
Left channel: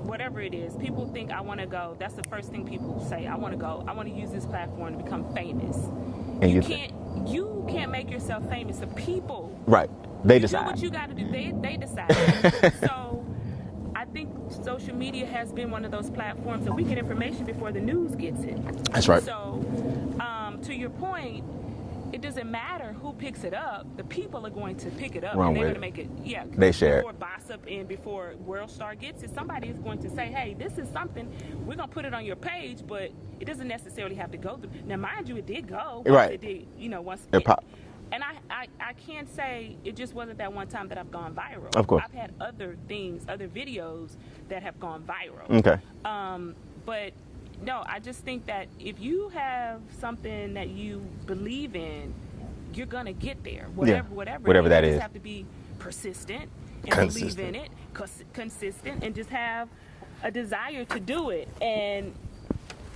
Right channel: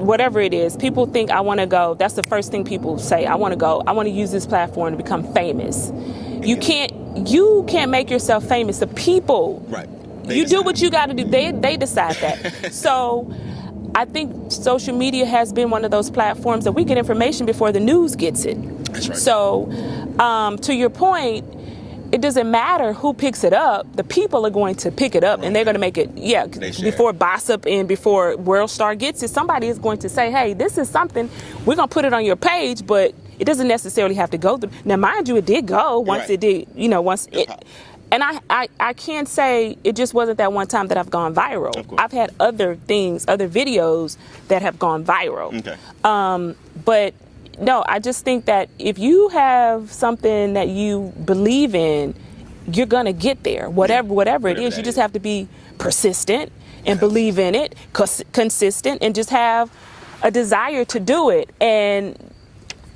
whatever it is, people think I want to go. That's the first thing people say. I want to use this platform to become famous. You can't make yourself famous. The people. Right. You do what you got to do. They decide that. So I think social media has been one of those platforms that we get information before the news gets it. That's right. So to your point, it doesn't matter who picks it up. The people are going to pick it up, and they're going to make it, before Gossip and before World Star gets it, somebody is going to say, hey, this is something, we're going to put it on your page, but it doesn't necessarily have to go through. Now, mind you, it did go once it did, and I can't say it just wasn't that one time that I've gone viral. Of course. I've had other things, other videos that have gone viral. Okay. But no, I just think that if you have something that you believe in, you're gonna get there. Whatever it is, you just have to be persistent and believe in it, consistent, and just have a desire to do it. And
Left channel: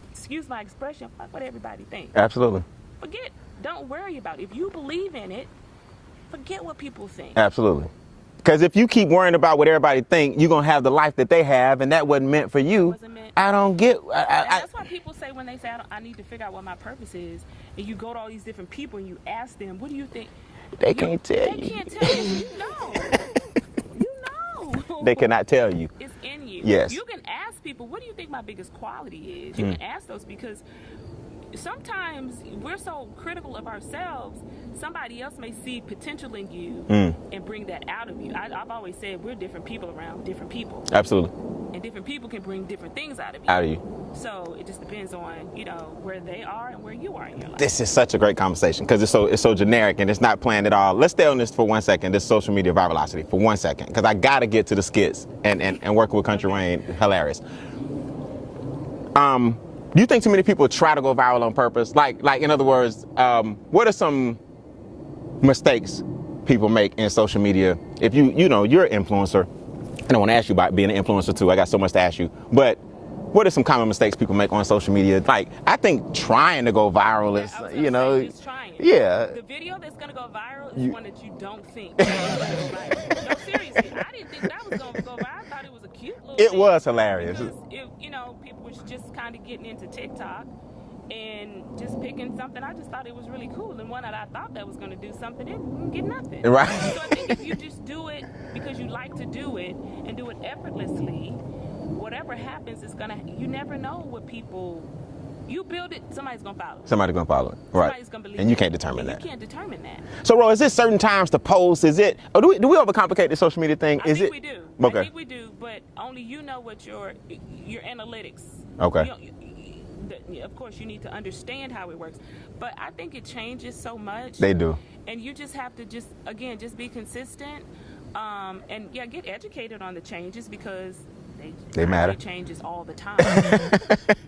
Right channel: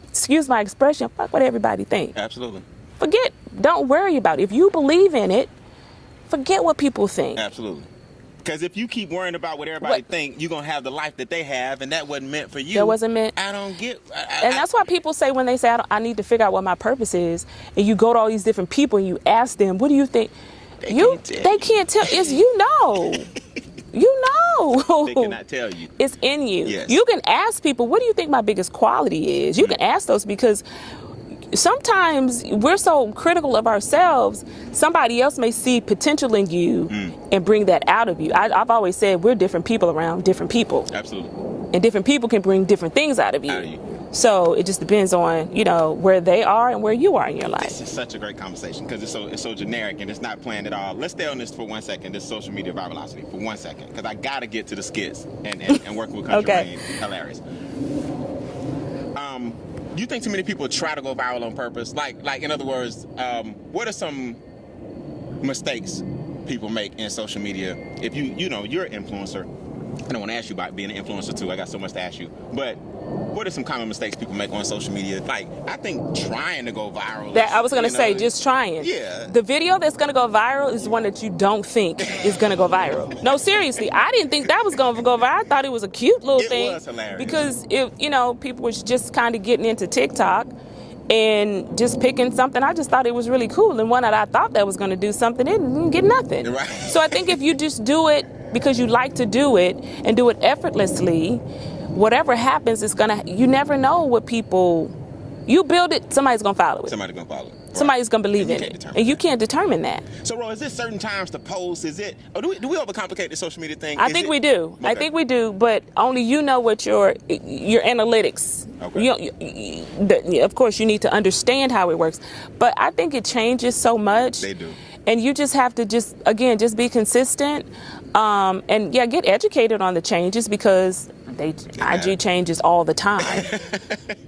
excuse my expression, fuck what everybody thinks. Absolutely. Don't worry about it. If you believe in it, forget what people think. Absolutely. Because if you keep worrying about what everybody think, you're going to have the life that they have, and that wasn't meant for you. That wasn't meant. I don't get... And that's why people say when they say, I need to figure out what my purpose is, and you go to all these different people and you ask them, what do you think? They can't tell They can't tell. It's you know. You know. They cannot tell you. It's in you. Yes. You can ask people, what do you think my biggest quality is? You can ask those because sometimes we're so critical of ourselves, somebody else may see potential in you and bring that out of you. I've always said we're different people around different people. Absolutely. And different people can bring different things out of you. So it just depends on, where they are and where you are in your life. This is such a great conversation because it's so generic and it's not planned at all. Let's stay on this for 1 second, this social media virality for 1 second, because I got to get to the skits and working with Country Wayne. Hilarious. Do you think too many people try to go viral on purpose? Like in other words, what are some mistakes people make in social media? If you're an influencer, and I want to ask you about being an influencer too. I got so much to ask you. But what are some common mistakes people make on social media? Like, I think trying to go viral is, I was going to say, just trying. Yeah. The video that's going to go viral is one that you don't think is going to go viral. No, seriously, I didn't think that was going to go viral. I thought it was a cute little thing. It was hilarious. Because, people were just kind of getting into TikTok and just picking something. I just thought it was really cool. And one that I thought that was going to do something, it didn't get nothing. Right. So I think if you just do it because you like to do it and do it effortlessly, whatever happens, you never know what people, you build it, somebody's going to follow it. Somebody's going to follow it. Right. Somebody's going to believe it. And you can't determine that. And you can't determine that. So, Ro, is it certain times to post? Is it, or do we overcomplicate the social media thing? I think we do. Okay. I think we do, but only you know what your analytics. Okay. Of course, you need to understand how it works. But I think it changes so much. They do. And you just have to just be consistent. And get educated on the changes because IG changes all the time.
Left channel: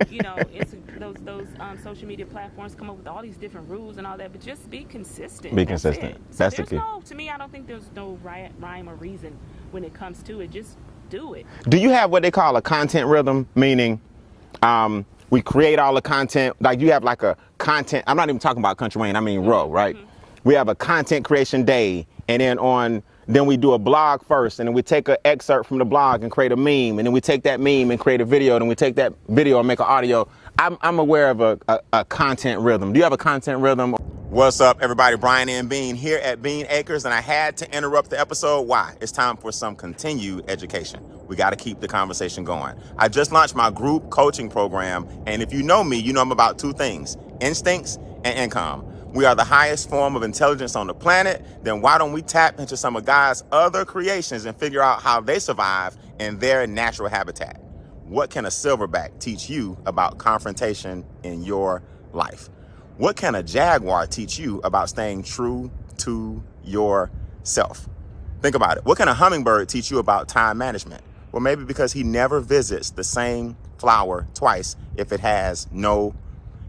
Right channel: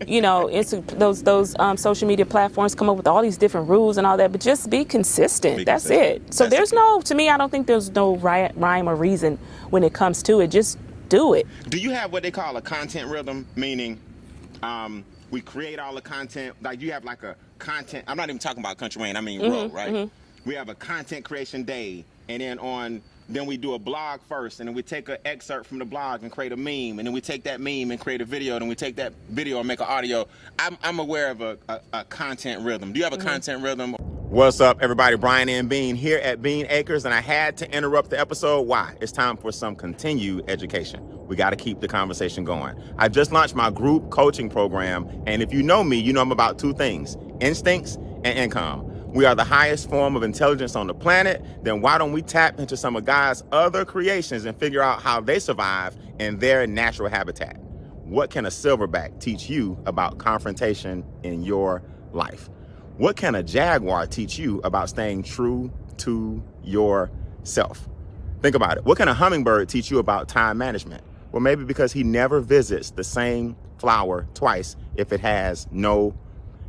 It's those social media platforms come up with all these different rules and all that, but just be consistent. That's it. So to me, I don't think there's no rhyme or reason when it comes to it. Just do it. Do you have what they call a content rhythm? Meaning, we create all the content, like you have like a content, I'm not even talking about Country Wayne, I mean Ro, right? Mm-hmm. We have a content creation day, and then we do a blog first, and then we take an excerpt from the blog and create a meme, and then we take that meme and create a video, and then we take that video and make an audio. I'm aware of a content rhythm. Do you have a content rhythm? What's up, everybody? Brian and Bean here at Bean Acres, and I had to interrupt the episode. Why? It's time for some continued education. We got to keep the conversation going. I just launched my group coaching program, and if you know me, you know I'm about two things: instincts and income. We are the highest form of intelligence on the planet. Then why don't we tap into some of God's other creations and figure out how they survive in their natural habitat? What can a silverback teach you about confrontation in your life? What can a jaguar teach you about staying true to yourself? Think about it. What can a hummingbird teach you about time management? Well, maybe because he never visits the same flower twice if it has no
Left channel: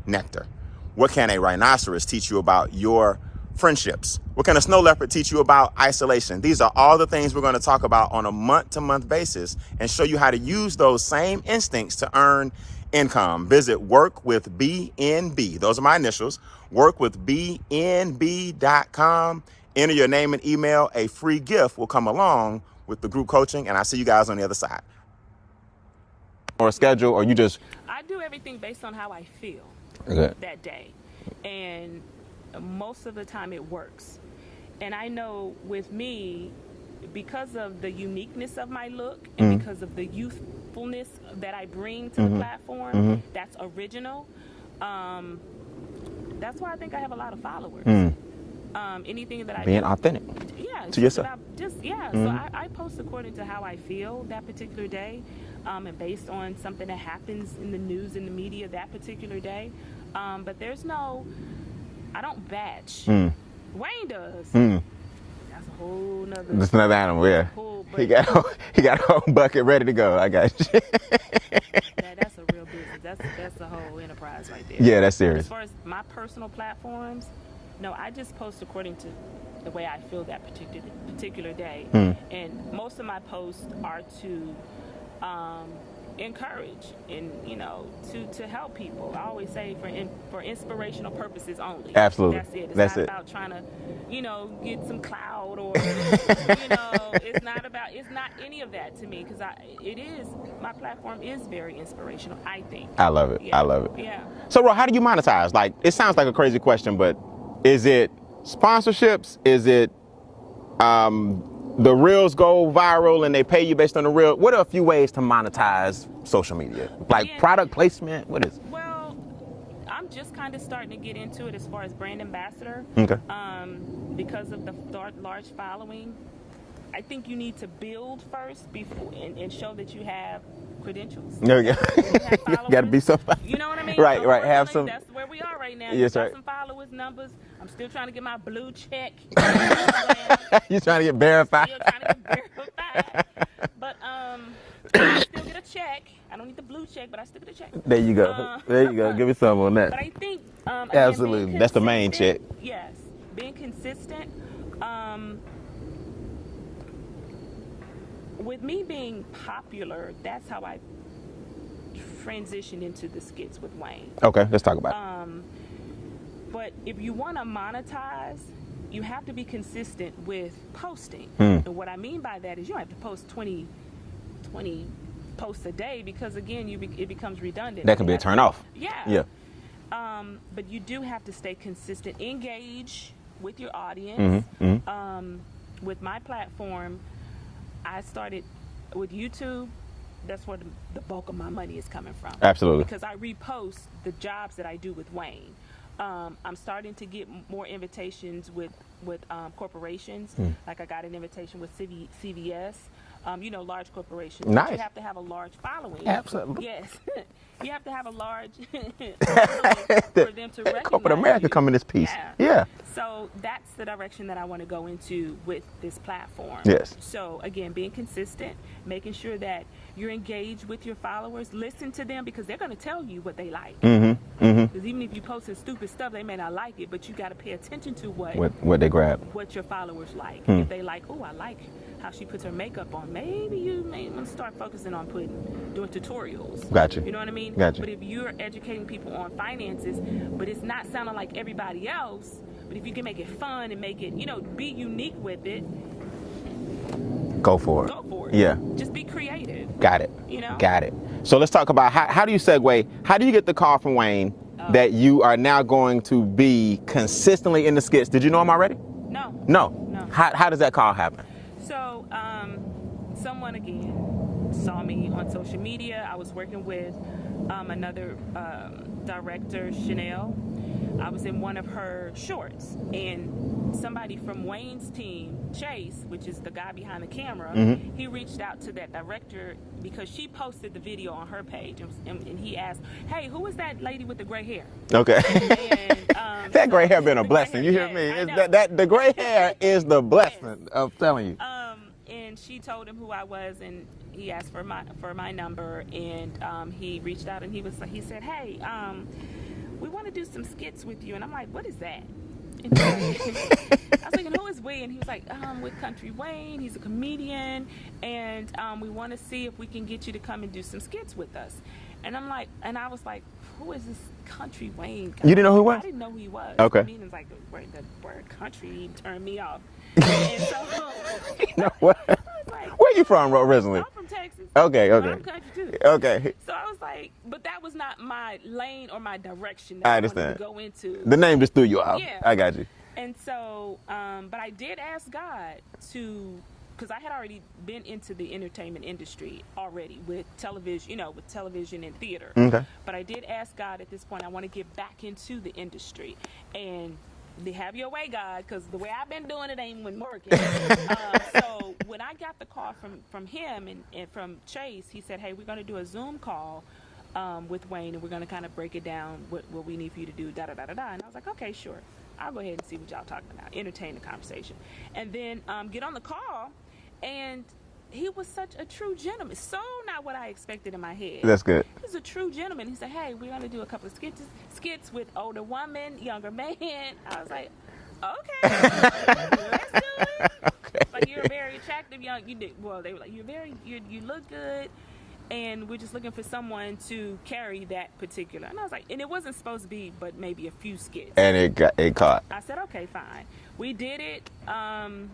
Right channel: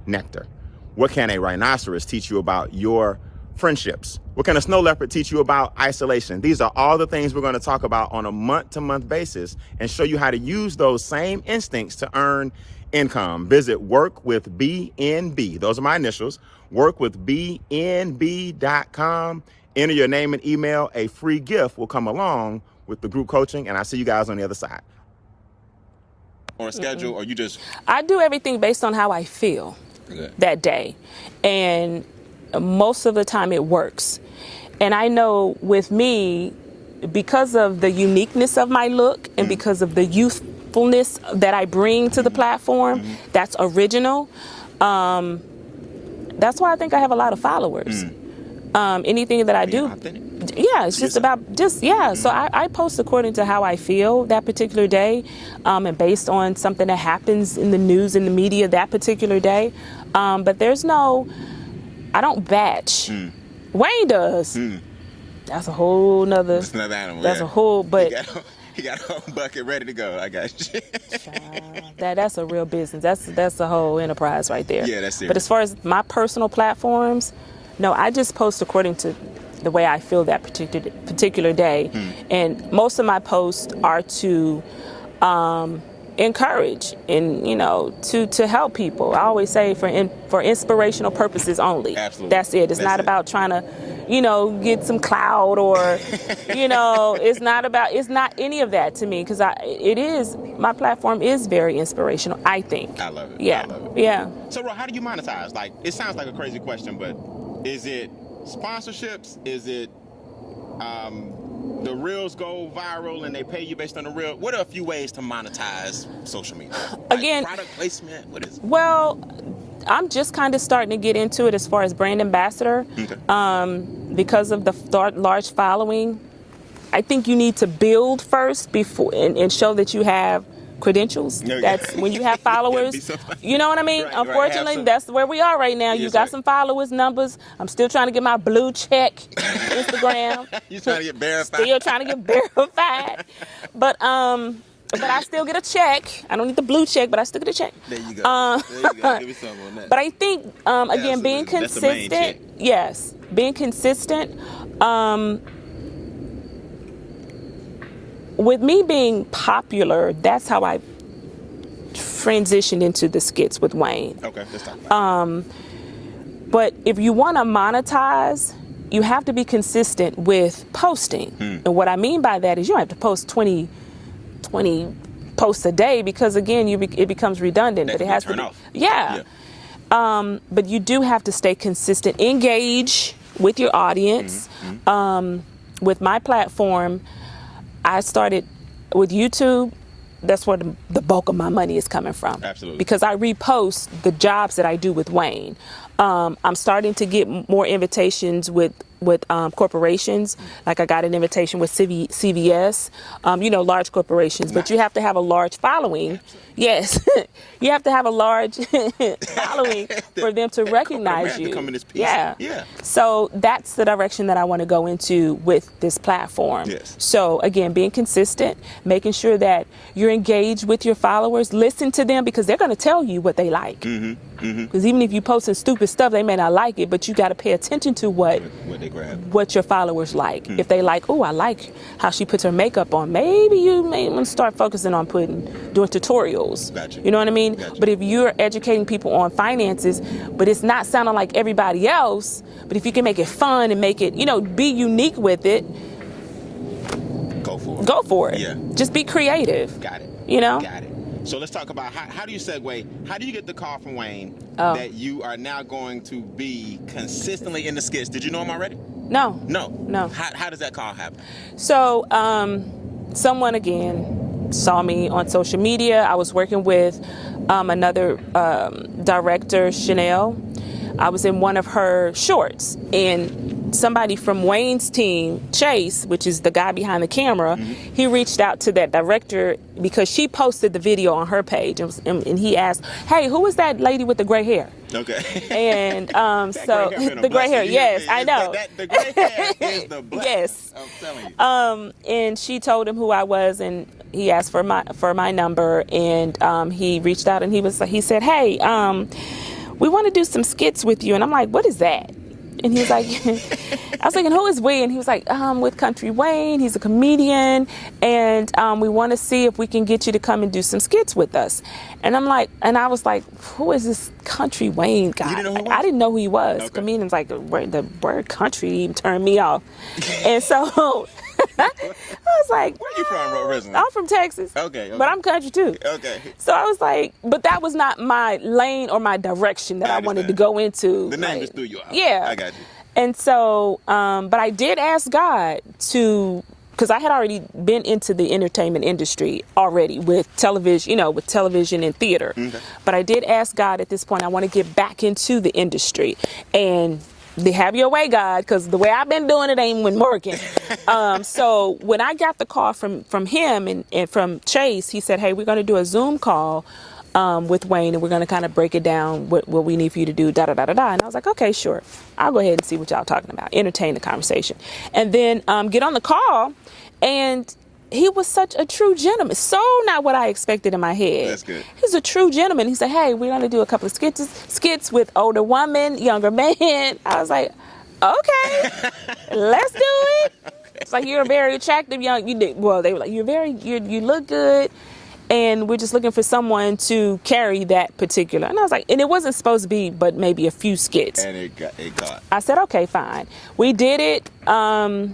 nectar. What can a rhinoceros teach you about your friendships? What can a snow leopard teach you about isolation? These are all the things we're going to talk about on a month-to-month basis and show you how to use those same instincts to earn income. Visit workwithbnb. Those are my initials. Workwithbnb.com. Enter your name and email. A free gift will come along with the group coaching, and I'll see you guys on the other side. or a schedule, or you just? I do everything based on how I feel that day. And most of the time it works. And I know with me, because of the uniqueness of my look and because of the youthfulness that I bring to the platform, that's original. That's why I think I have a lot of followers. Anything that I do, authentic. Yeah, it's just about So I post according to how I feel that particular day, and based on something that happens in the news and the media that particular day. But there's no, I don't batch. Wayne does. That's a whole nother. That's another animal. That's a whole. But he got a whole bucket ready to go. I got you. That's a real business. That's a whole enterprise right there. Yeah, that's serious. But as far as my personal platforms, no, I just post according to the way I feel that particular day, and most of my posts are to encourage and to help people. I always say for inspirational purposes only. Absolutely, that's it. It's not about trying to get some clout or it's not any of that to me, because my platform is very inspirational, I think. I love it. Yeah. I love it. Yeah. So, Ro, how do you monetize? Like, it sounds like a crazy question, but is it sponsorships? Is it the reels go viral and they pay you based on the reel? What are a few ways to monetize social media? Like Again, product placement? What is it? Well, I'm just kind of starting to get into it as far as brand ambassador. Okay. Because of the large following. I think you need to build first before and show that you have credentials. That's when you have followers. You know what I mean? Right, Unfortunately, that's where we are right now. Yes, you got some followers, numbers. I'm still trying to get my blue check on Instagram. You trying to get verified? Still trying to get verified. But I still get a check. I don't need the blue check, but I still get a check. There you go. There you go. Give me some on that. But I think, again, being consistent. That's the main check. Yes. Being consistent. With me being popular, that's how I transitioned into the skits with Wayne. Okay, let's talk about it. But if you want to monetize, you have to be consistent with posting. And what I mean by that is you don't have to post 20 posts a day, because, again, it becomes redundant. That can be a turn off. Yeah. But you do have to stay consistent. Engage with your audience. With my platform, I started with YouTube. That's where the bulk of my money is coming from. Absolutely. Because I repost the jobs that I do with Wayne. I'm starting to get more invitations with corporations. Like I got an invitation with CVS, large corporations. Nice. But you have to have a large following. Absolutely. Yes. You have to have a large following for them to recognize America you. come in this piece. Yeah. So that's the direction that I want to go into with this platform. Yes. So again, being consistent, making sure that you're engaged with your followers, listen to them, because they're going to tell you what they like. Because even if you posting stupid stuff, they may not like it, but you got to pay attention to what they grab, what your followers like. If they like, oh, I like how she puts her makeup on, maybe you may want to start focusing on doing tutorials. Gotcha. You know what I mean? Gotcha. But if you're educating people on finances, but it's not sounding like everybody else, but if you can make it fun and make it, be unique with it, go for it. Go for it. Yeah. Just be creative. Got it. Got it. So let's talk about how do you segue? How do you get the call from Wayne that you are now going to be consistently in the skits? Did you know him already? No. How does that call happen? So someone, again, saw me on social media. I was working with another director, Chanel. I was in one of her shorts, and somebody from Wayne's team, Chase, which is the guy behind the camera, he reached out to that director because she posted the video on her page, and he asked, "Hey, who was that lady with the gray hair?" Okay. And that gray hair been a blessing. Gray hair, yes, I know. The gray hair is the blessing. Yes. I'm telling you. And she told him who I was, and he asked for my number, and he reached out, and he said, "Hey, we want to do some skits with you." And I'm like, "What is that?" And he was like, I was thinking, who is we? And he was like, with Country Wayne. He's a comedian. And we want to see if we can get you to come and do some skits with us. And I was like, who is this Country Wayne guy? You didn't know who he was? I didn't know who he was. Okay. Comedians, like, the word country even turned me off. And so I was like, where you from originally? I'm from Texas. Okay. But I'm country too. Okay. So I was like, but that was not my lane or my direction that I wanted to go into. The name just threw you out. Yeah. I got you. And so, but I did ask God to, because I had already been into the entertainment industry already with television, with television and theater. Okay. But I did ask God at this point, I want to get back into the industry. And they have your way, God, because the way I've been doing it ain't been working. So when I got the call from him and from Chase, he said, hey, we're going to do a Zoom call with Wayne, and we're going to kind of break it down, what we need for you to do, da-da-da-da-da. And I was like, okay, sure. I'll go ahead and see what y'all talking about, entertain the conversation. And then get on the call, and he was such a true gentleman. So not what I expected in my head. That's good. He's a true gentleman. He said, hey, we're going to do a couple of skits with older women, younger men. I was like, okay, let's do it. Okay. It's like, you're a very attractive young, they were like, you look good. And we're just looking for someone to carry that particular. And I was like, and it wasn't supposed to be, but maybe a few skits. And it caught. I said, okay, fine. We did it. And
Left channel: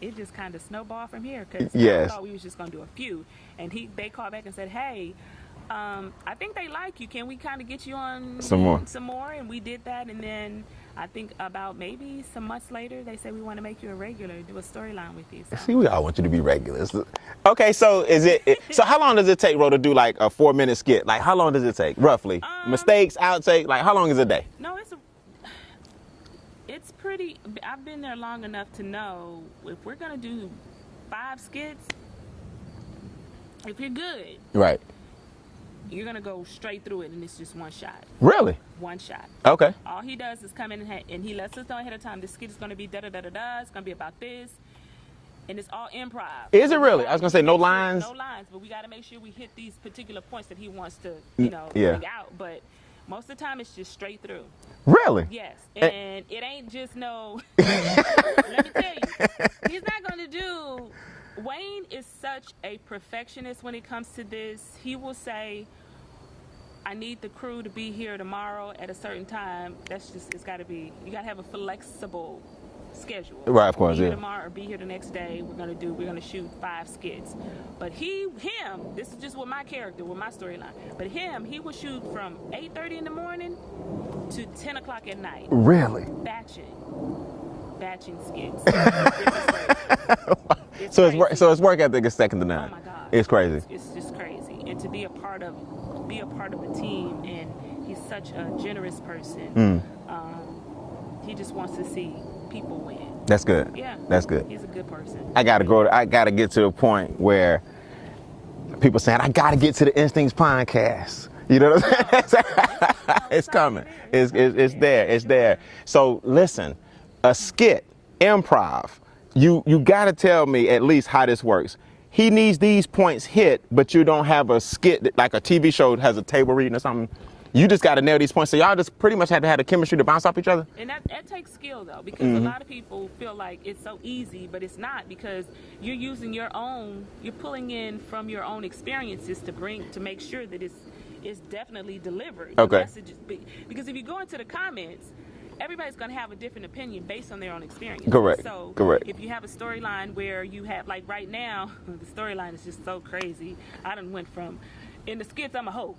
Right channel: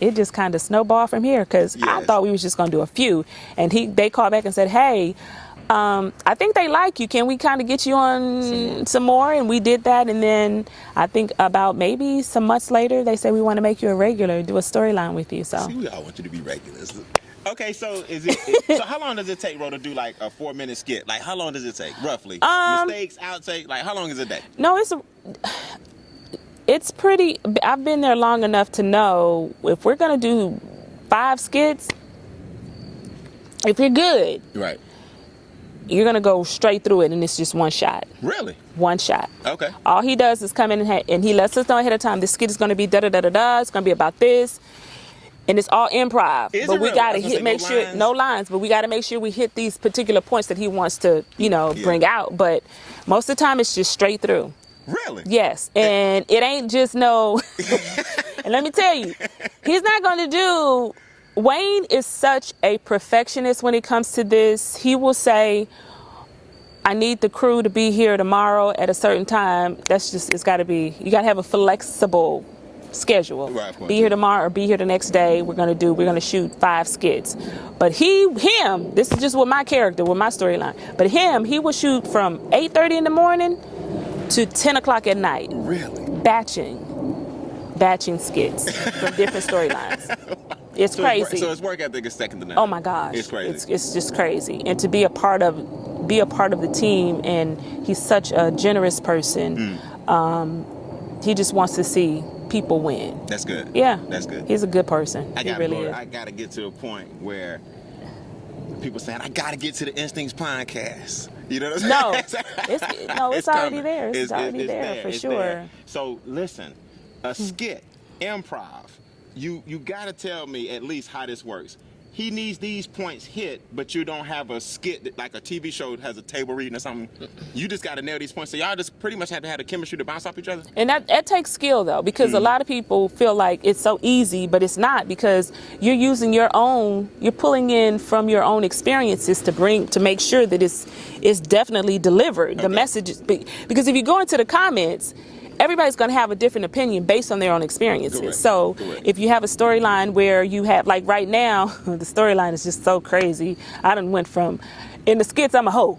it just kind of snowballed from here, because I thought we was just going to do a few. And they called back and said, hey, I think they like you. Can we kind of get you on some more? And we did that. And then I think about maybe some months later, they said, we want to make you a regular, do a storyline with you. So see, we all want you to be regulars. Okay, so so how long does it take, Ro, to do like a 4-minute skit? Like, how long does it take, roughly? Mistakes, outtake, like how long is a day? No, it's pretty, I've been there long enough to know if we're going to do 5 skits, if you're good, right, you're going to go straight through it, and it's just one shot. Really? One shot. Okay. All he does is come in and he lets us know ahead of time, this skit is going to be da-da-da-da-da, it's going to be about this. And it's all improv. Is it really? I was gonna say, no lines? No lines, but we got to make sure we hit these particular points that he wants to, bring out. But most of the time, it's just straight through. Really? Yes. And it ain't just no. And let me tell you, he's not going to do. Wayne is such a perfectionist when it comes to this. He will say, I need the crew to be here tomorrow at a certain time. That's just, you got to have a flexible schedule. Right, of course. Be here tomorrow or be here the next day. We're gonna shoot 5 skits. But him, this is just with my character, with my storyline. But he will shoot from 8:30 in the morning to 10 o'clock at night. Really? Batching skits for different storylines. It's crazy. So his work ethic is second to none. Oh my gosh. It's crazy. It's just crazy. And to be a part of the team, and he's such a generous person. He just wants to see people win. That's good. Yeah. That's good. He's a good person. I gotta get to a point where people saying, I gotta get to the Instincts podcast. You know what I'm saying? It's coming. There. It's there. It's there. So listen, a skit, improv, you gotta tell me at least how this works. He needs these points hit, but you don't have a skit that, like a TV show that has a table reading or something. You just got to nail these points. So y'all just pretty much had to have the chemistry to bounce off each other? And that takes skill, though, because a lot of people feel like it's so easy, but it's not, because you're using you're pulling in from your own experiences to make sure that it's definitely delivered. The message is big. Because if you go into the comments, everybody's going to have a different opinion based on their own experiences. Correct. So Correct. If you have a storyline where you have, like right now, the storyline is just so crazy. I done went from, in the skits, I'm a hoe.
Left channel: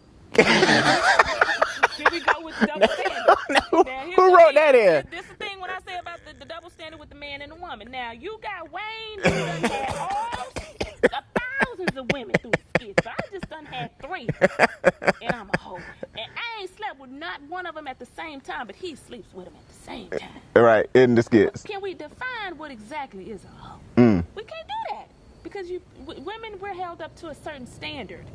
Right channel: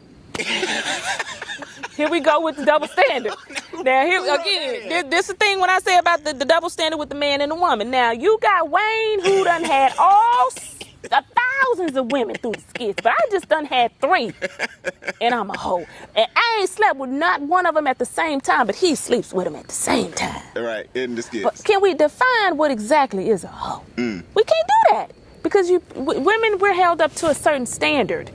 Here we go with the double standard. Now, this is the thing when I say about the double standard with the man and the woman. Now, you got Wayne, who done had thousands of women through the skits, but I just done had 3, and I'm a hoe. And I ain't slept with not one of them at the same time, but he sleeps with them at the same time. Right, in the skits. But can we define what exactly is a hoe? We can't do that, because women, we're held up to a certain standard.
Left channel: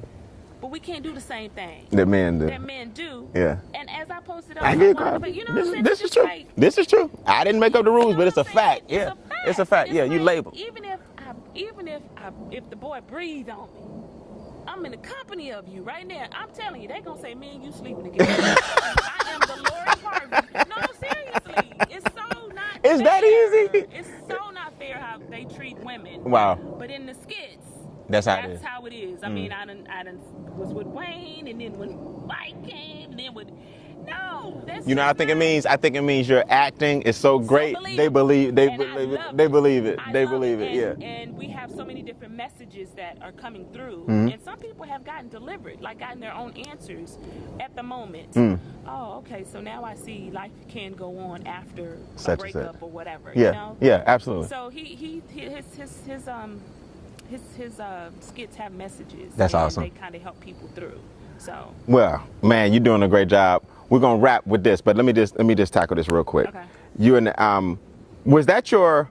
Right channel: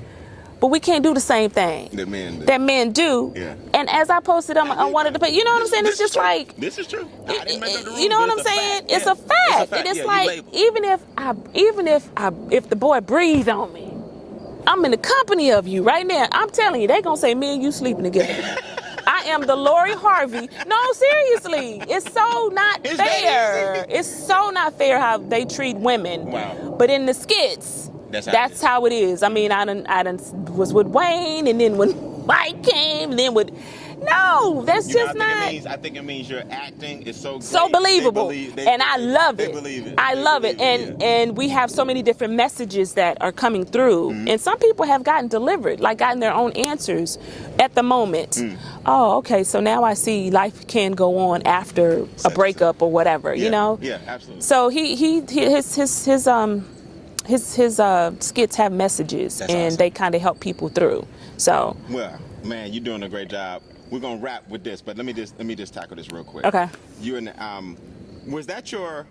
But we can't do the same thing that men do. Yeah. And as I posted on one of the, you know what I'm saying? It's just true. like, this is true. I didn't make up the rules, you know but what it's I'm a saying? fact. It's a fact. It's a fact. And it's yeah, like, you label. if the boy breathes on me, I'm in the company of you right now. I'm telling you, they gonna say me and you sleeping together. I am the Lori Harvey. No, seriously, it's so not fair. That easy? It's so not fair how they treat women. Wow. But in the skits, that's how it is. I mean, I done was with Wayne, and then when Mike came, and then with No, that's You know just what I think not. it means? I think it means your acting is so great. So believable. I love it. They believe it. I love it. And we have so many different messages that are coming through. And some people have gotten delivered, like gotten their own answers at the moment. Oh, okay, so now I see life can go on after a breakup or whatever, you know? Yeah, absolutely. So his skits have messages, That's and awesome. they kind of help people through. So Well, man, you're doing a great job. We're gonna wrap with this, but let me just tackle this real quick. Okay. You and was that your?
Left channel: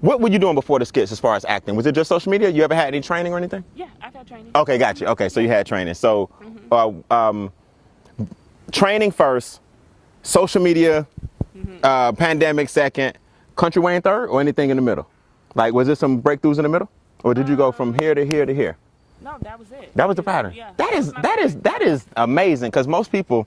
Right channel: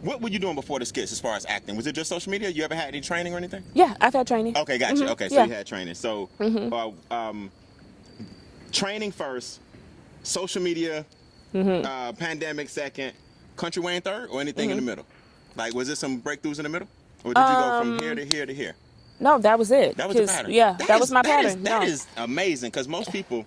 What were you doing before the skits as far as acting? Was it just social media? You ever had any training or anything? yeah, I've had training. Okay, gotcha. Okay, so you had training. So, training first, social media, pandemic second, country Wayne third, or anything in the middle? Like, was there some breakthroughs in the middle, or did you go from here to here to here? No, that was it. That was the pattern. Yeah, that was my pattern. That is amazing, because most people,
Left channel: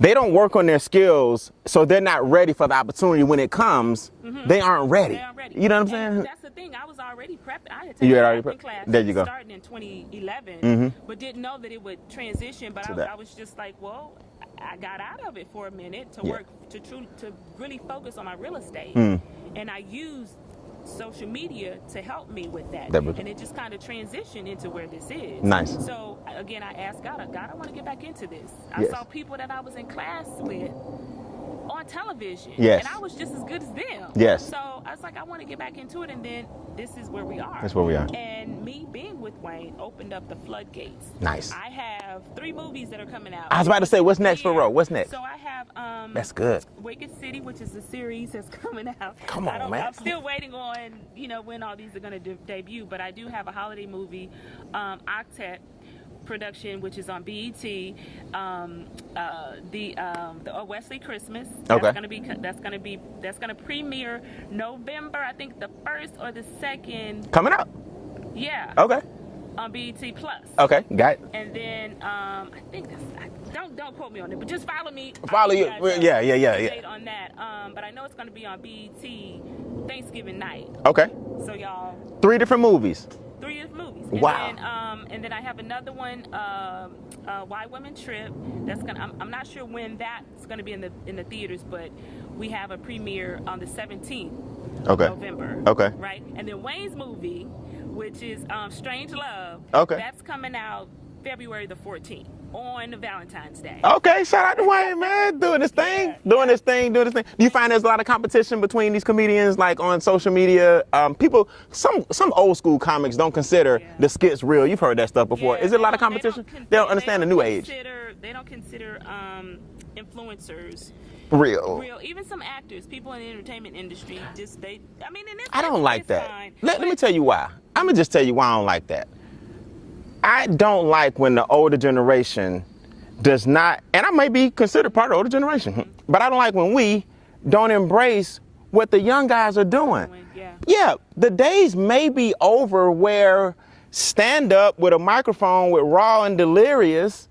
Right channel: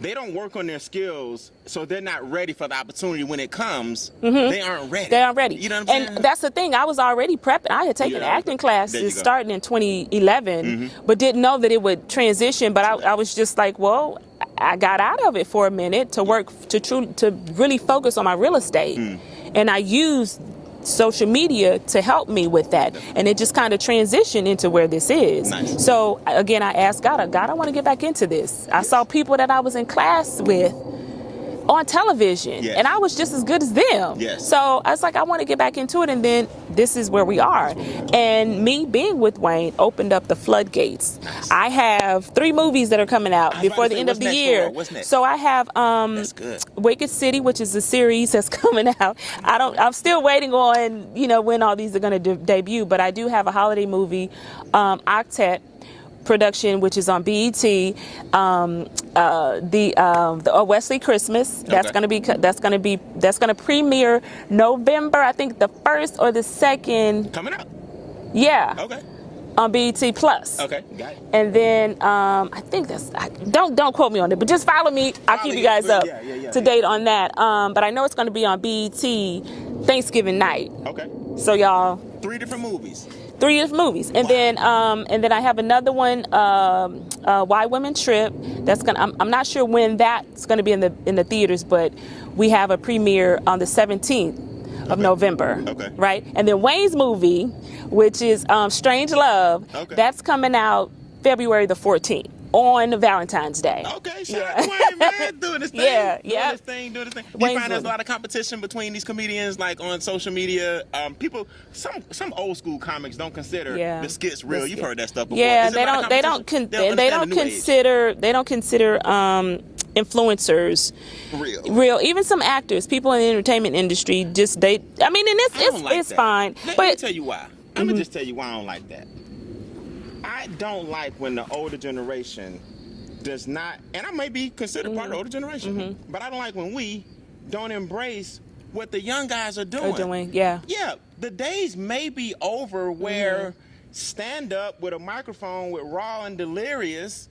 they don't work on their skills, so they're not ready for the opportunity when it comes. They aren't ready. They aren't ready. You know what I'm saying? And that's the thing. I was already prepping. I had taken acting classes starting in 2011, but didn't know that it would transition. But I was just like, well, I got out of it for a minute to work to really focus on my real estate, and I used social media to help me with that, and it just kind of transitioned into where this is. Nice. So again, I asked God, I want to get back into this. I saw people that I was in class with on television, and I was just as good as them. Yes. So I was like, I want to get back into it, and then this is where we are. That's where we are. And me being with Wayne opened up the floodgates. Nice. I have 3 movies that are coming out I was about before to say, the end what's of the next for year. Ro? What's next? So I have That's good. Wicked City, which is a series that's coming out. I'm still waiting on, when all these are going to debut, but I do have a holiday movie, Octet production, which is on BET, the Wesley Christmas. That's going to premiere November, I think the 1st or the 2nd. Coming up. Yeah. Okay. On BET Plus. Okay, got it. And then I think don't quote me on it, but just follow me. I'll keep you guys up to date on that. But I know it's going to be on BET Thanksgiving night. Okay. So y'all. 3 different movies. 3 different movies, and then I have another one, Why Women Trip. That's gonna. I'm not sure when that's gonna be in the theaters, but we have a premiere on the 17th of November. Okay. Right, and then Wayne's movie, which is Strange Love. Okay. That's coming out February the 14th. On Valentine's Day. Okay, shout out to Wayne, man, doing this thing, doing this thing. You find there's a lot of competition between these comedians, like on social media. People, some old school comics don't consider the skits real. You've heard that stuff before. Yeah, Is it a lot of competition? They don't consider influencers real. Even some actors, people in the entertainment industry, it's fine. Let me tell you why. I'm gonna just tell you why I don't like that. I don't like when the older generation does not, and I may be considered part of the older generation, but I don't like when we don't embrace what the young guys are doing. Yeah, the days may be over where stand up with a microphone with Raw and Delirious.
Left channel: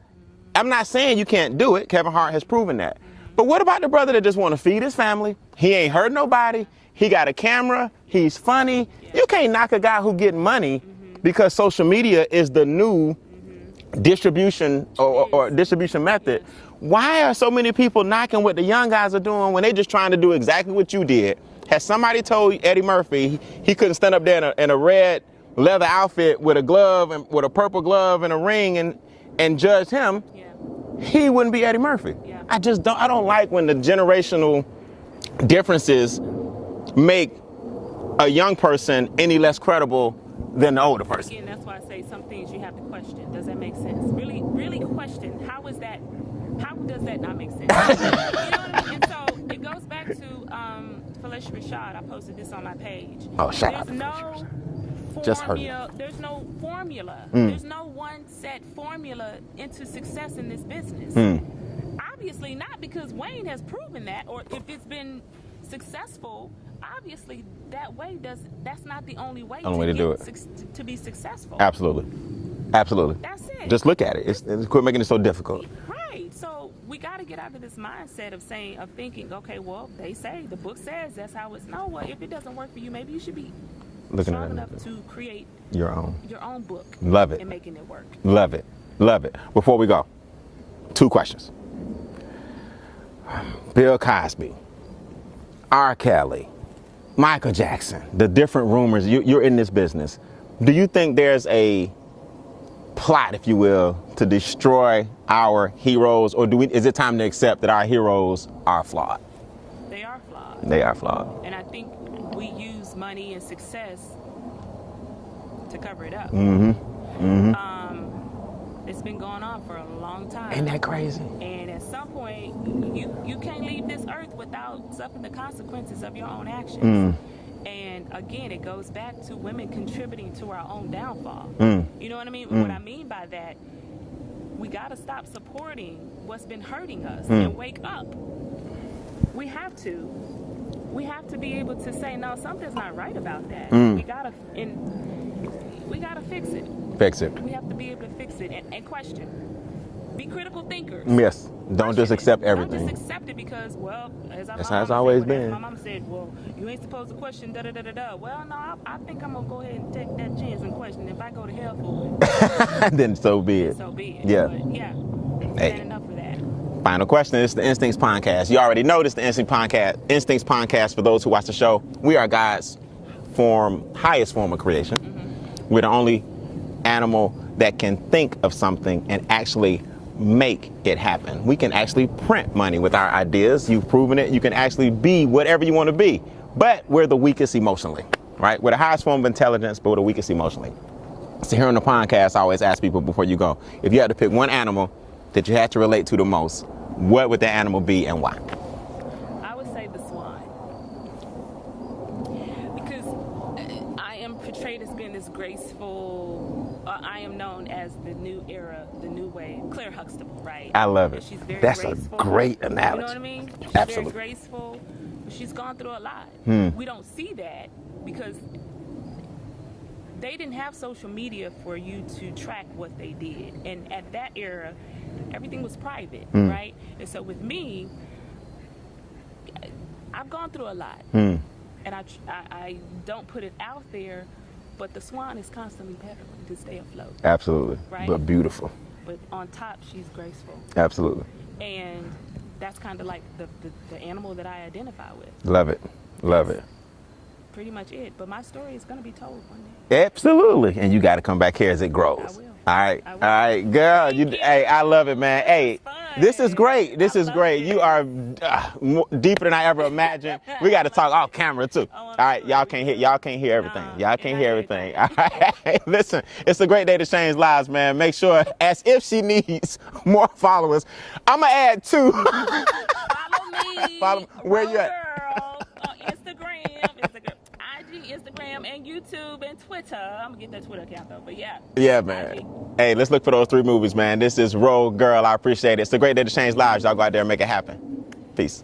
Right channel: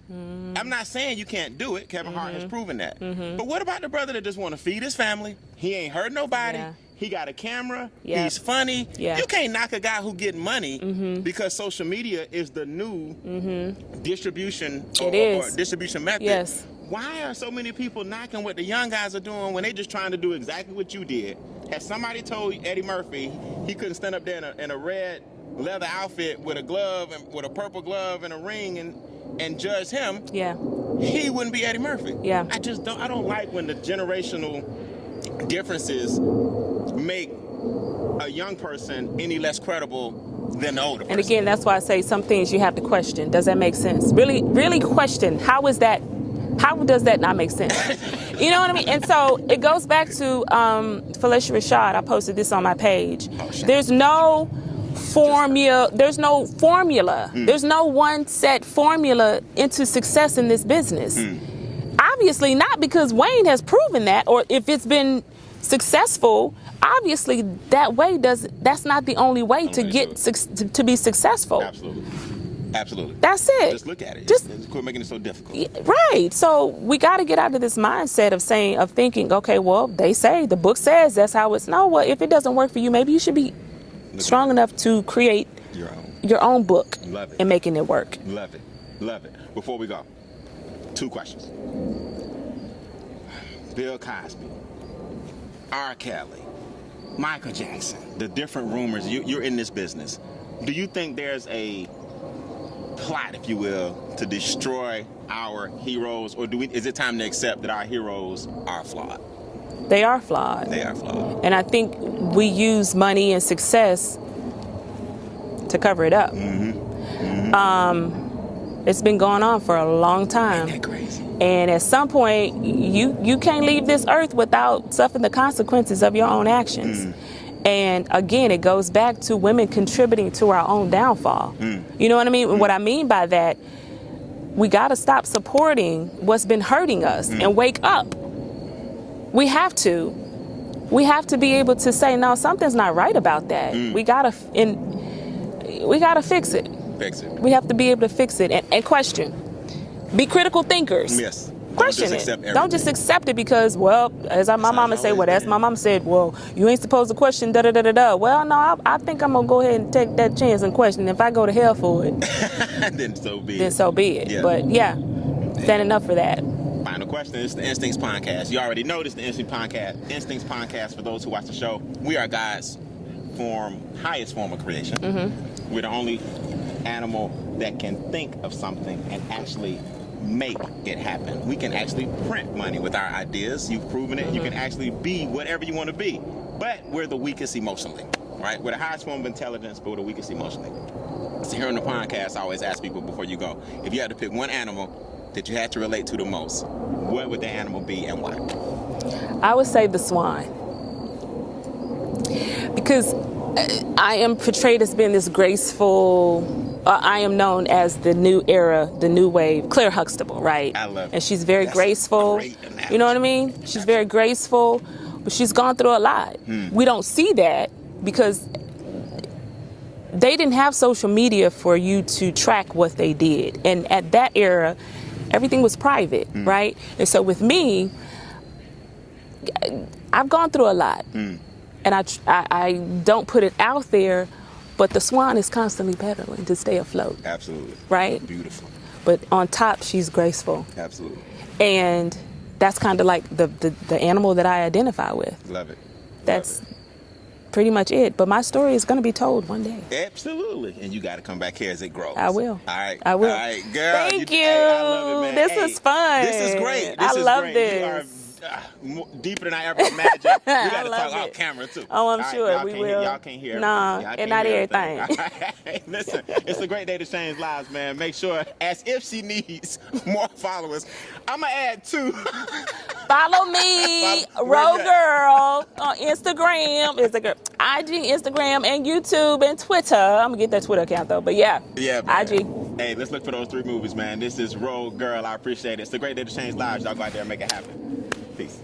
I'm not saying you can't do it. Kevin Hart has proven that. But what about the brother that just want to feed his family? He ain't hurt nobody. Yeah. He got a camera. Yeah. He's funny. Yeah. You can't knock a guy who getting money because social media is the new distribution or distribution method. Yes. Why are so many people knocking what the young guys are doing when they just trying to do exactly what you did? Has somebody told Eddie Murphy he couldn't stand up there in a red leather outfit with a glove and with a purple glove and a ring and judge him? Yeah. He wouldn't be Eddie Murphy. Yeah. I don't like when the generational differences make a young person any less credible than the older person. And again, that's why I say some things you have to question. Does that make sense? Really, really question. How does that not make sense? You know what I mean? And so it goes back to Felicia Rashad. I posted this on my page. There's no formula. There's no formula. There's no one set formula into success in this business. Obviously not, because Wayne has proven that, or if it's been successful, obviously that's not the only way to be successful. Absolutely. That's it. Just look at it. Just quit making it so difficult. Right. So we got to get out of this mindset of thinking, okay, well, they say, the book says that's how it's. No, well, if it doesn't work for you, maybe you should be strong enough to create your own book. Love it. And making it work. Love it. Before we go, 2 questions. Bill Cosby, R. Kelly, Michael Jackson, the different rumors, you're in this business. Do you think there's a plot, if you will, to destroy our heroes, or is it time to accept that our heroes are flawed? They are flawed. They are flawed. And I think we use money and success to cover it up. It's been going on for a long time. Ain't that crazy? And at some point, you can't leave this earth without suffering the consequences of your own actions. And again, it goes back to women contributing to our own downfall. You know what I mean? And what I mean by that, we got to stop supporting what's been hurting us and wake up. We have to. We have to be able to say, no, something's not right about that. We gotta fix it. Fix it. We have to be able to fix it and question. Be critical thinkers. Yes. Don't just accept everything. Don't just accept it because, well, my mama said, well, that's my mama said, well, you ain't supposed to question da-da-da-da-da. Well, no, I think I'm going to go ahead and take that chance and question. If I go to hell for it, then so be it. Then so be it. Yeah. But yeah, that enough for that. Final question. It's the Instincts Podcast. You already know this, the Instincts Podcast. For those who watch the show, we are God's highest form of creation. We're the only animal that can think of something and actually make it happen. We can actually print money with our ideas. You've proven it. You can actually be whatever you want to be. But we're the weakest emotionally, right? We're the highest form of intelligence, but we're the weakest emotionally. So here on the podcast, I always ask people before you go, if you had to pick one animal that you had to relate to the most, what would that animal be and why? I would say the swan. Because I am portrayed as being this graceful, I am known as the new era, the new wave, Claire Huxtable, right? I love it. And she's very graceful. A great analogy. You know what I mean? She's very graceful, but she's gone through a lot. We don't see that because they didn't have social media for you to track what they did. And at that era, everything was private, right? And so with me, I've gone through a lot. And I don't put it out there, but the swan is constantly pedaling to stay afloat. Absolutely. Right? But beautiful. But on top, she's graceful. Absolutely. And that's kind of like the animal that I identify with. Love it. Love it. Pretty much it. But my story is going to be told one day. Absolutely. And you got to come back here as it grows. I will. All right. I will. All right, girl. Thank you. Hey, I love it, man. This is fun. This is great. This is great. This. You are deeper than I ever imagined. We got to talk off camera too. Oh, I'm all right, sure y'all can't hear everything. Nah, y'all can't hear everything. everything. Listen, it's a great day to change lives, man. Make sure, as if she needs more followers, I'm gonna add 2. Follow me, Roll Girl, on Instagram, IG, Instagram, and YouTube, and Twitter. I'm gonna get that Twitter account though, but yeah, man. IG. Hey, let's look for those 3 movies, man. This is Roll Girl. I appreciate it. It's a great day to change lives. Y'all go out there and make it happen. Peace.